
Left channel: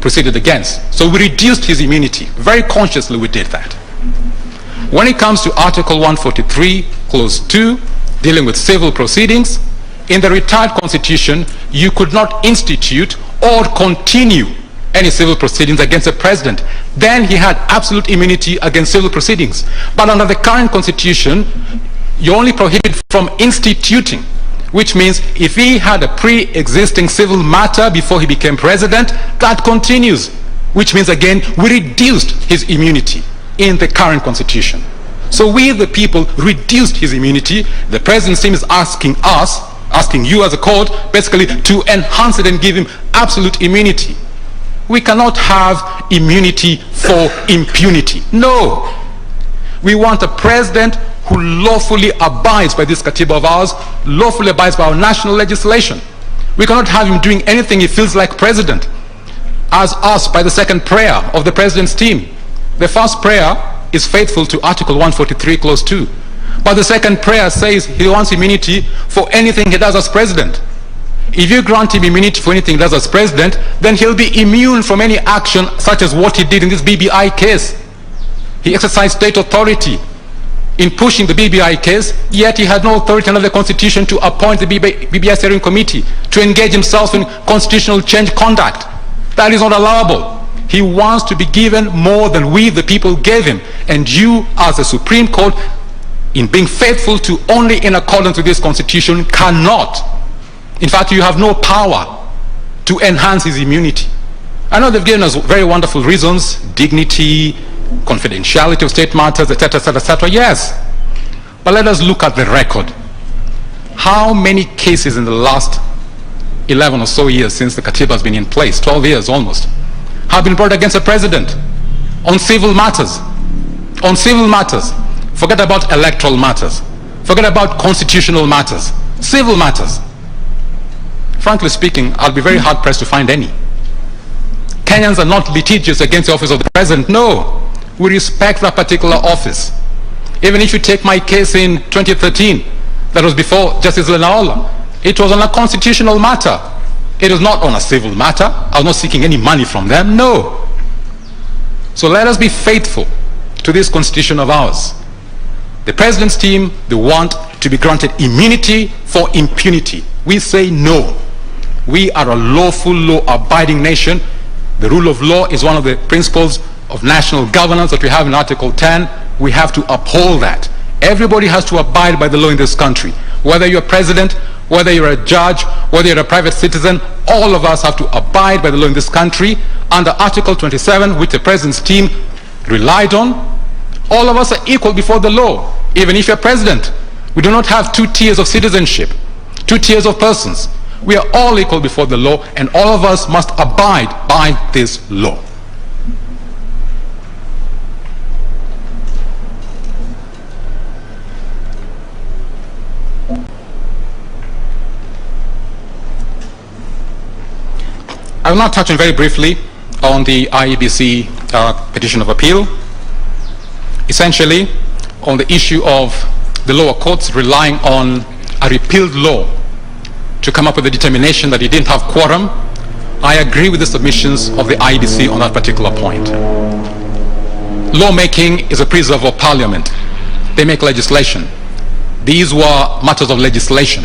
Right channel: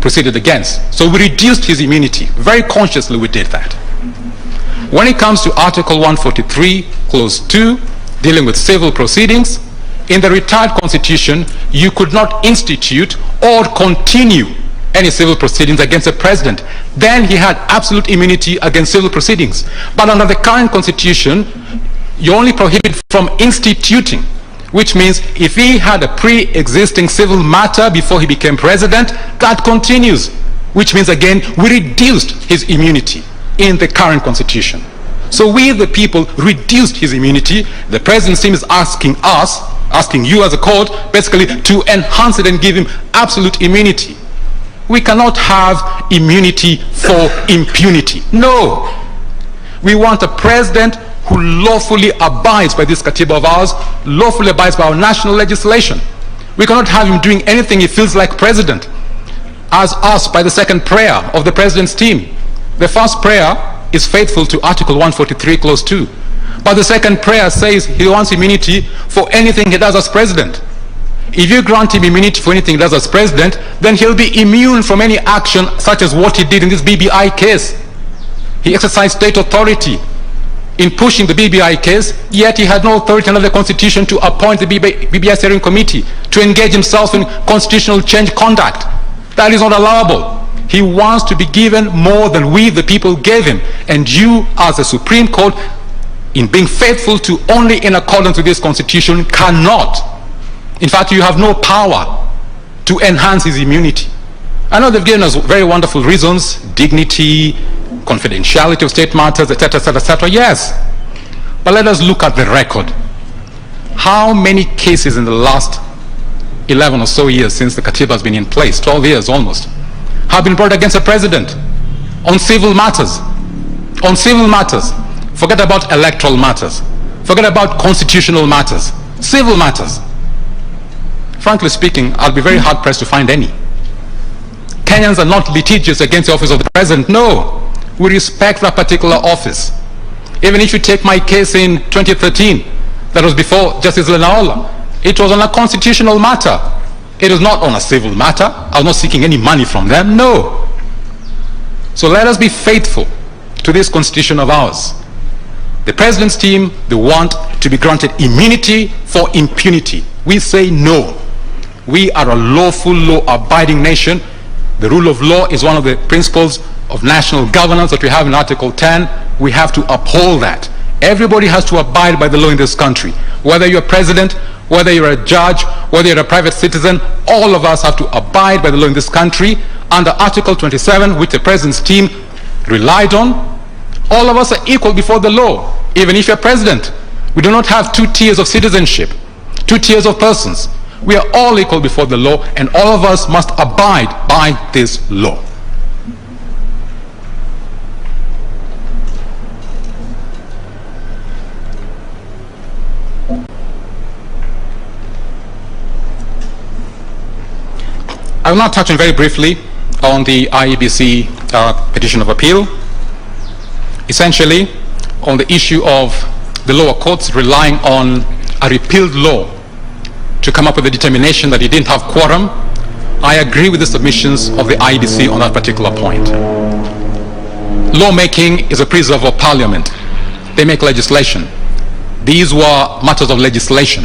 proceeded against. So we reduced his immunity. Very consciously we did that. When it comes to Article 143, Clause 2, dealing with civil proceedings, in the retired Constitution, you could not institute or continue any civil proceedings against a president. Then he had absolute immunity against civil proceedings. But under the current Constitution, you're only prohibited from instituting, which means if he had a pre-existing civil matter before he became president, that continues, which means again, we reduced his immunity in the current Constitution. So we, the people, reduced his immunity. The president's team is asking us, asking you as a court, basically to enhance it and give him absolute immunity. We cannot have immunity for impunity. No. We want a president who lawfully abides by this Katiba of ours, lawfully abides by our national legislation. We cannot have him doing anything he feels like president, as asked by the second prayer of the president's team. The first prayer is faithful to Article 143, Clause 2. But the second prayer says he wants immunity for anything he does as president. If you grant him immunity for anything he does as president, then he'll be immune from any action such as what he did in this BBI case. He exercised state authority in pushing the BBI case, yet he had no authority under the Constitution to appoint the BBI steering committee to engage himself in constitutional change conduct. That is not allowable. He wants to be given more than we, the people, gave him. And you, as a Supreme Court, in being faithful to only in accordance with this Constitution, cannot. In fact, you have no power to enhance his immunity. I know they've given us very wonderful reasons, dignity, confidentiality of state matters, etc., etc., etc. Yes. But let us look at the record. How many cases in the last 11 or so years since the Katiba has been in place, 12 years almost, have been brought against the president on civil matters? On civil matters. Forget about electoral matters. Forget about constitutional matters. Civil matters. Frankly speaking, I'll be very hard-pressed to find any. Kenyans are not litigious against the office of the president. No. We respect that particular office. Even if you take my case in 2013, that was before Justice Lenaola, it was on a constitutional matter. It was not on a civil matter. I was not seeking any money from them. No. So let us be faithful to this Constitution of ours. The president's team, they want to be granted immunity for impunity. We say no. We are a lawful, law-abiding nation. The rule of law is one of the principles of national governance that we have in Article 10. We have to uphold that. Everybody has to abide by the law in this country. Whether you're president, whether you're a judge, whether you're a private citizen, all of us have to abide by the law in this country. Under Article 27, which the president's team relied on, all of us are equal before the law. Even if you're president, we do not have two tiers of citizenship, two tiers of persons. We are all equal before the law, and all of us must abide by this law. I will now touch on very briefly on the IEBC petition of appeal, essentially on the issue of the lower courts relying on a repealed law to come up with a determination that it didn't have quorum, I agree with the submissions of the IEBC on that particular point. Lawmaking is a preserve of Parliament. They make legislation. These were matters of legislation.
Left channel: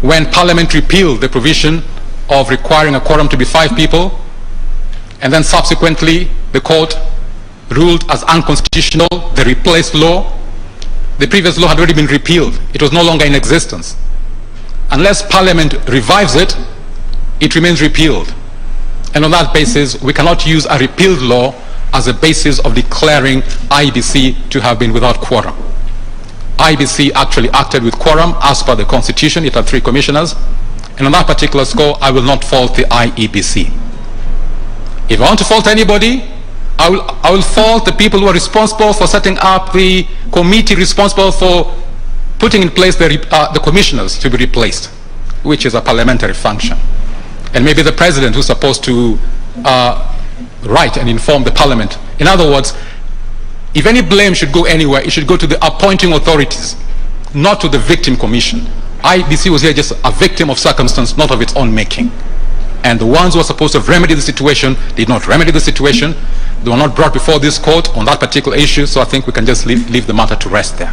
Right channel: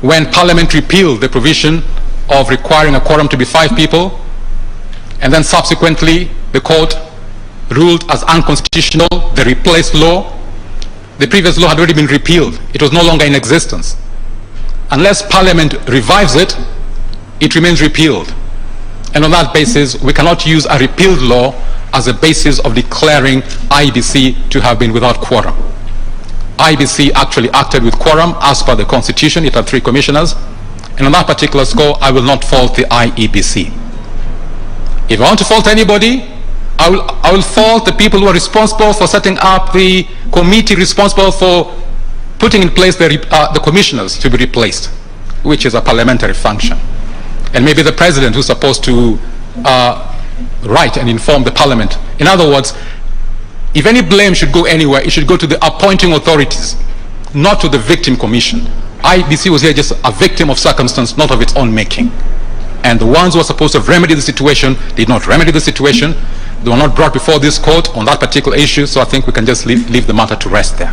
When Parliament repealed the provision of requiring a quorum to be 5 people, and then subsequently the court ruled as unconstitutional the replaced law, the previous law had already been repealed. It was no longer in existence. Unless Parliament revives it, it remains repealed. And on that basis, we cannot use a repealed law as a basis of declaring IEBC to have been without quorum. IEBC actually acted with quorum as per the Constitution. It had 3 commissioners. And on that particular score, I will not fault the IEBC. If I want to fault anybody, I will fault the people who are responsible for setting up the committee responsible for putting in place the commissioners to be replaced, which is a parliamentary function. And maybe the president who's supposed to write and inform the parliament. In other words, if any blame should go anywhere, it should go to the appointing authorities, not to the victim commission. IEBC was here just a victim of circumstance, not of its own making. And the ones who were supposed to have remedied the situation did not remedy the situation. They were not brought before this court on that particular issue, so I think we can just leave the matter to rest there.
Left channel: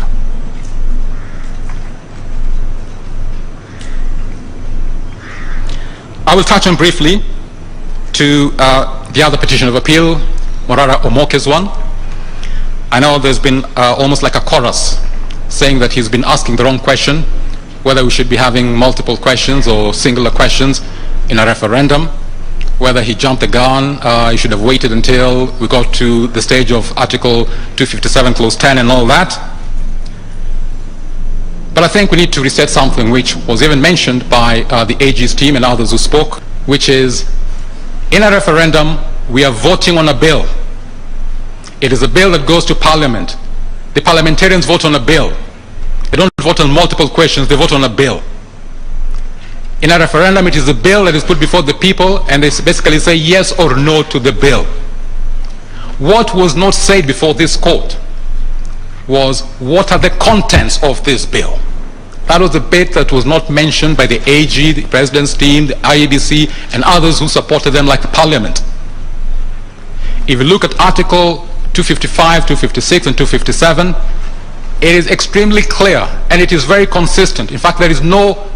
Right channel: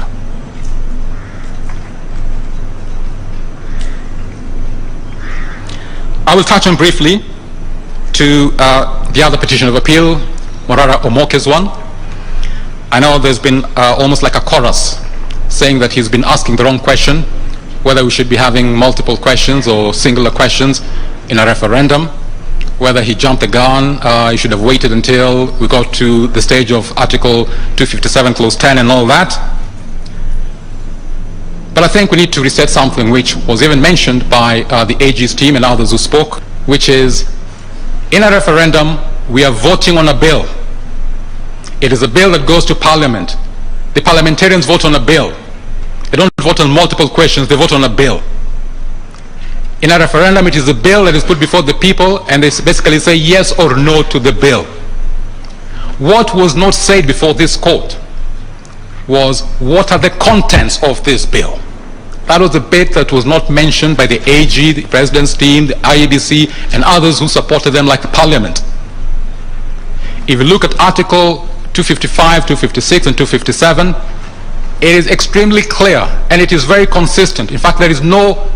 I will touch on briefly to the other petition of appeal, Morara Omoke's one. I know there's been almost like a chorus saying that he's been asking the wrong question, whether we should be having multiple questions or singular questions in a referendum, whether he jumped the gun, he should have waited until we got to the stage of Article 257 Clause 10 and all that. But I think we need to reset something which was even mentioned by the AG's team and others who spoke, which is, in a referendum, we are voting on a bill. It is a bill that goes to Parliament. The parliamentarians vote on a bill. They don't vote on multiple questions, they vote on a bill. In a referendum, it is a bill that is put before the people, and they basically say yes or no to the bill. What was not said before this court was, what are the contents of this bill? That was a bit that was not mentioned by the AG, the President's team, the IEBC, and others who supported them like the Parliament. If you look at Article 255, 256, and 257, it is extremely clear, and it is very consistent. In fact, there is no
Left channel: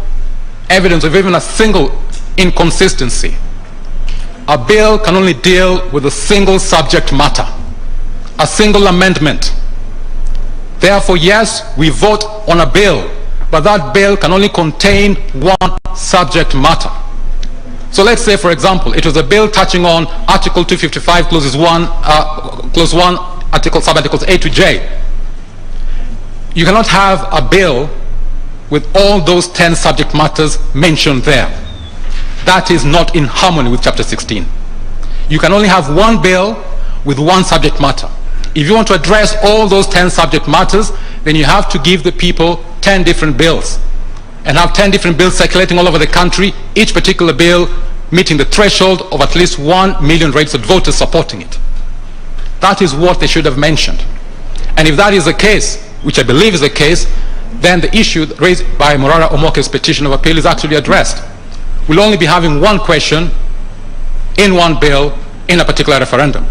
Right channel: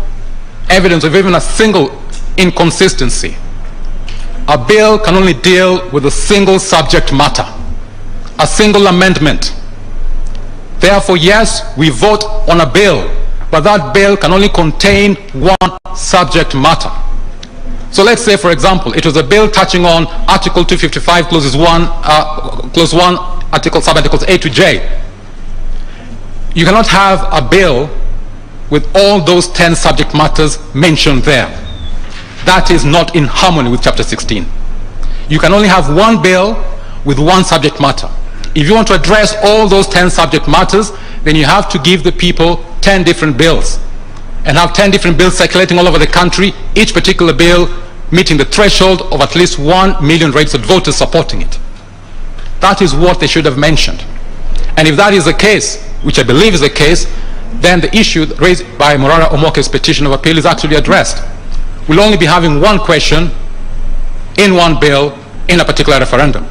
evidence of even a single inconsistency. A bill can only deal with a single subject matter, a single amendment. Therefore, yes, we vote on a bill, but that bill can only contain one subject matter. So let's say, for example, it was a bill touching on Article 255, Clause 1, Sub-Articles A to J. You cannot have a bill with all those 10 subject matters mentioned there. That is not in harmony with Chapter 16. You can only have one bill with one subject matter. If you want to address all those 10 subject matters, then you have to give the people 10 different bills and have 10 different bills circulating all over the country, each particular bill meeting the threshold of at least 1 million registered voters supporting it. That is what they should have mentioned. And if that is the case, which I believe is the case, then the issue raised by Morara Omoke's petition of appeal is actually addressed. We'll only be having one question in one bill in a particular referendum.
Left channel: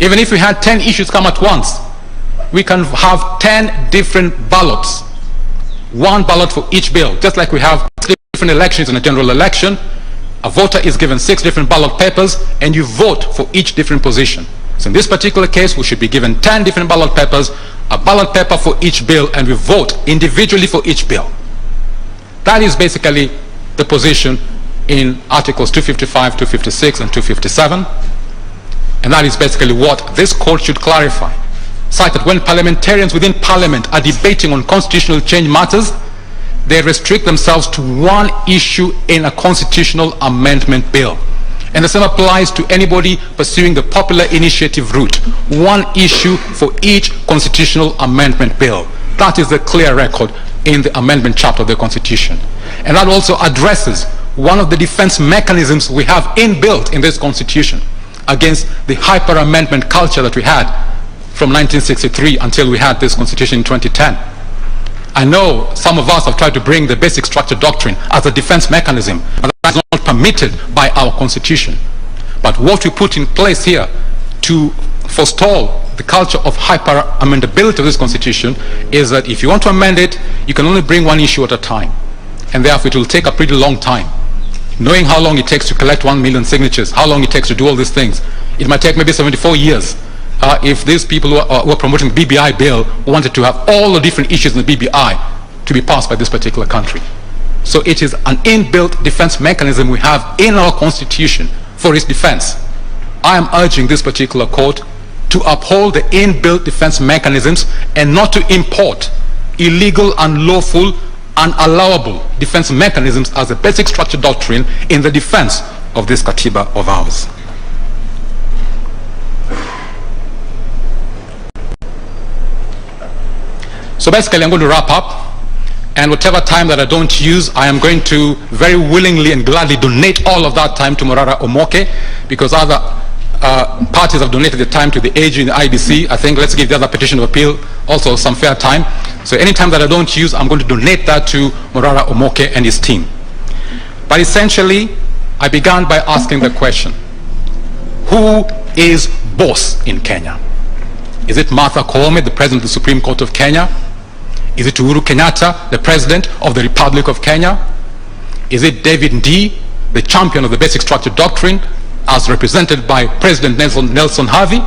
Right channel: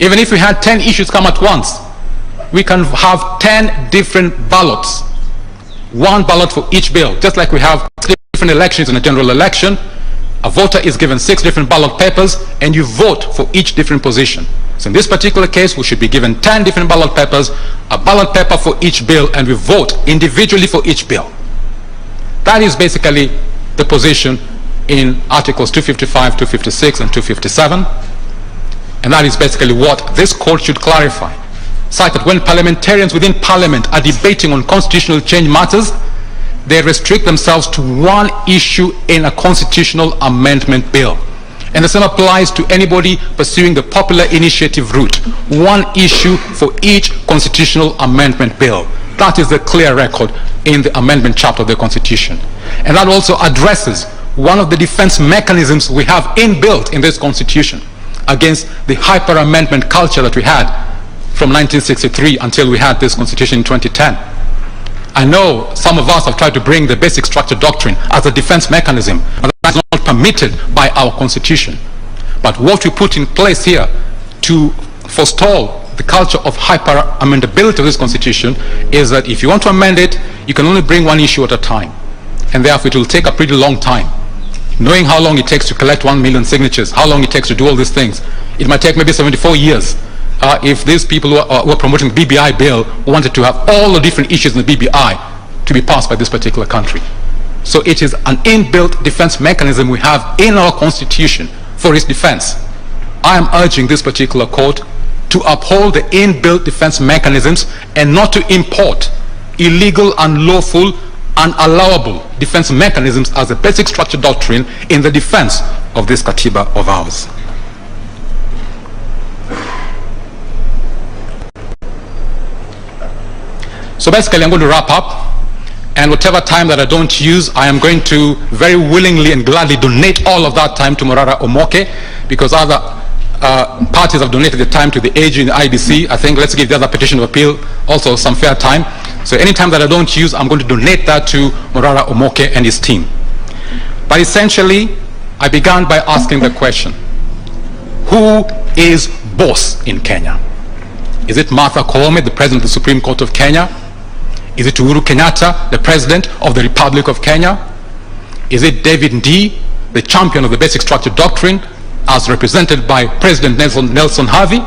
Even if we had 10 issues come at once, we can have 10 different ballots. One ballot for each bill, just like we have 6 different elections in a general election. A voter is given 6 different ballot papers, and you vote for each different position. So in this particular case, we should be given 10 different ballot papers, a ballot paper for each bill, and we vote individually for each bill. That is basically the position in Articles 255, 256, and 257. And that is basically what this court should clarify, such that when parliamentarians within Parliament are debating on constitutional change matters, they restrict themselves to one issue in a constitutional amendment bill. And the same applies to anybody pursuing the popular initiative route. One issue for each constitutional amendment bill. That is the clear record in the amendment chapter of the Constitution. And that also addresses one of the defense mechanisms we have inbuilt in this Constitution against the hyper-amendment culture that we had from 1963 until we had this constitution in 2010. I know some of us have tried to bring the basic structure doctrine as a defense mechanism, and that is not permitted by our constitution. But what we put in place here to forestall the culture of hyper-amendability of this constitution is that if you want to amend it, you can only bring one issue at a time. And therefore it will take a pretty long time. Knowing how long it takes to collect 1 million signatures, how long it takes to do all these things, it might take maybe 74 years if these people who are promoting the BBI bill wanted to have all the different issues in the BBI to be passed by this particular country. So it is an inbuilt defense mechanism we have in our constitution for its defense. I am urging this particular court to uphold the inbuilt defense mechanisms and not to import illegal, unlawful, unallowable defense mechanisms as a basic structure doctrine in the defense of this Katiba of ours. So basically I'm going to wrap up, and whatever time that I don't use, I am going to very willingly and gladly donate all of that time to Morara Omoke, because other parties have donated the time to the AG in the IEBC. I think let's give the other petition of appeal also some fair time. So any time that I don't use, I'm going to donate that to Morara Omoke and his team. But essentially, I began by asking the question, who is boss in Kenya? Is it Martha Koome, the President of the Supreme Court of Kenya? Is it Uhuru Kenyatta, the President of the Republic of Kenya? Is it David Ndii, the champion of the basic structure doctrine, as represented by President Nelson Harvey?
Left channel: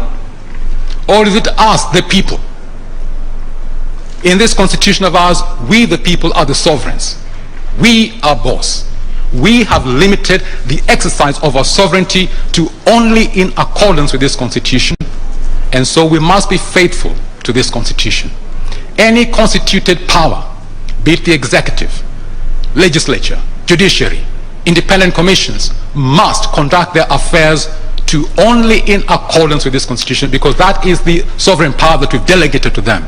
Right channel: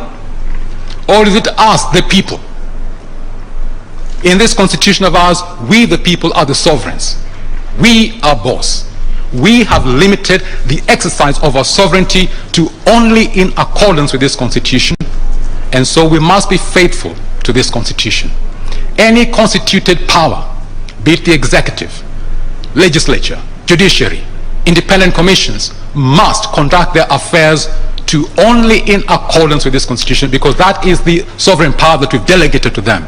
Or is it us, the people? In this constitution of ours, we the people are the sovereigns. We are boss. We have limited the exercise of our sovereignty to only in accordance with this constitution, and so we must be faithful to this constitution. Any constituted power, be it the executive, legislature, judiciary, independent commissions, must conduct their affairs to only in accordance with this constitution, because that is the sovereign power that we've delegated to them.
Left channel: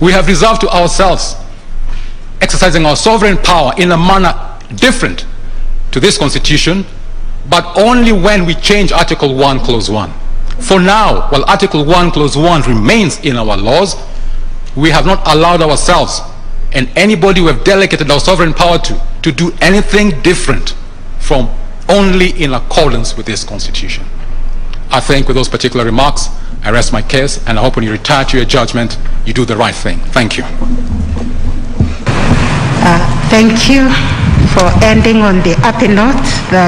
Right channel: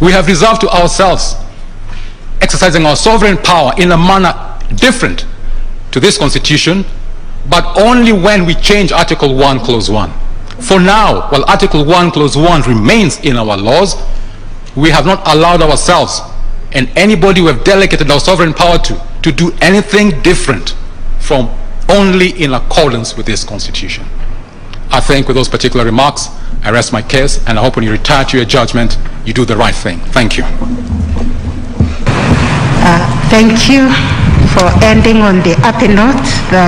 We have reserved to ourselves exercising our sovereign power in a manner different to this constitution, but only when we change Article 1, Clause 1. For now, while Article 1, Clause 1 remains in our laws, we have not allowed ourselves and anybody we have delegated our sovereign power to do anything different from only in accordance with this constitution. I think with those particular remarks, I rest my case, and I hope when you retire to your judgment, you do the right thing. Thank you. Thank you for ending on the happy note that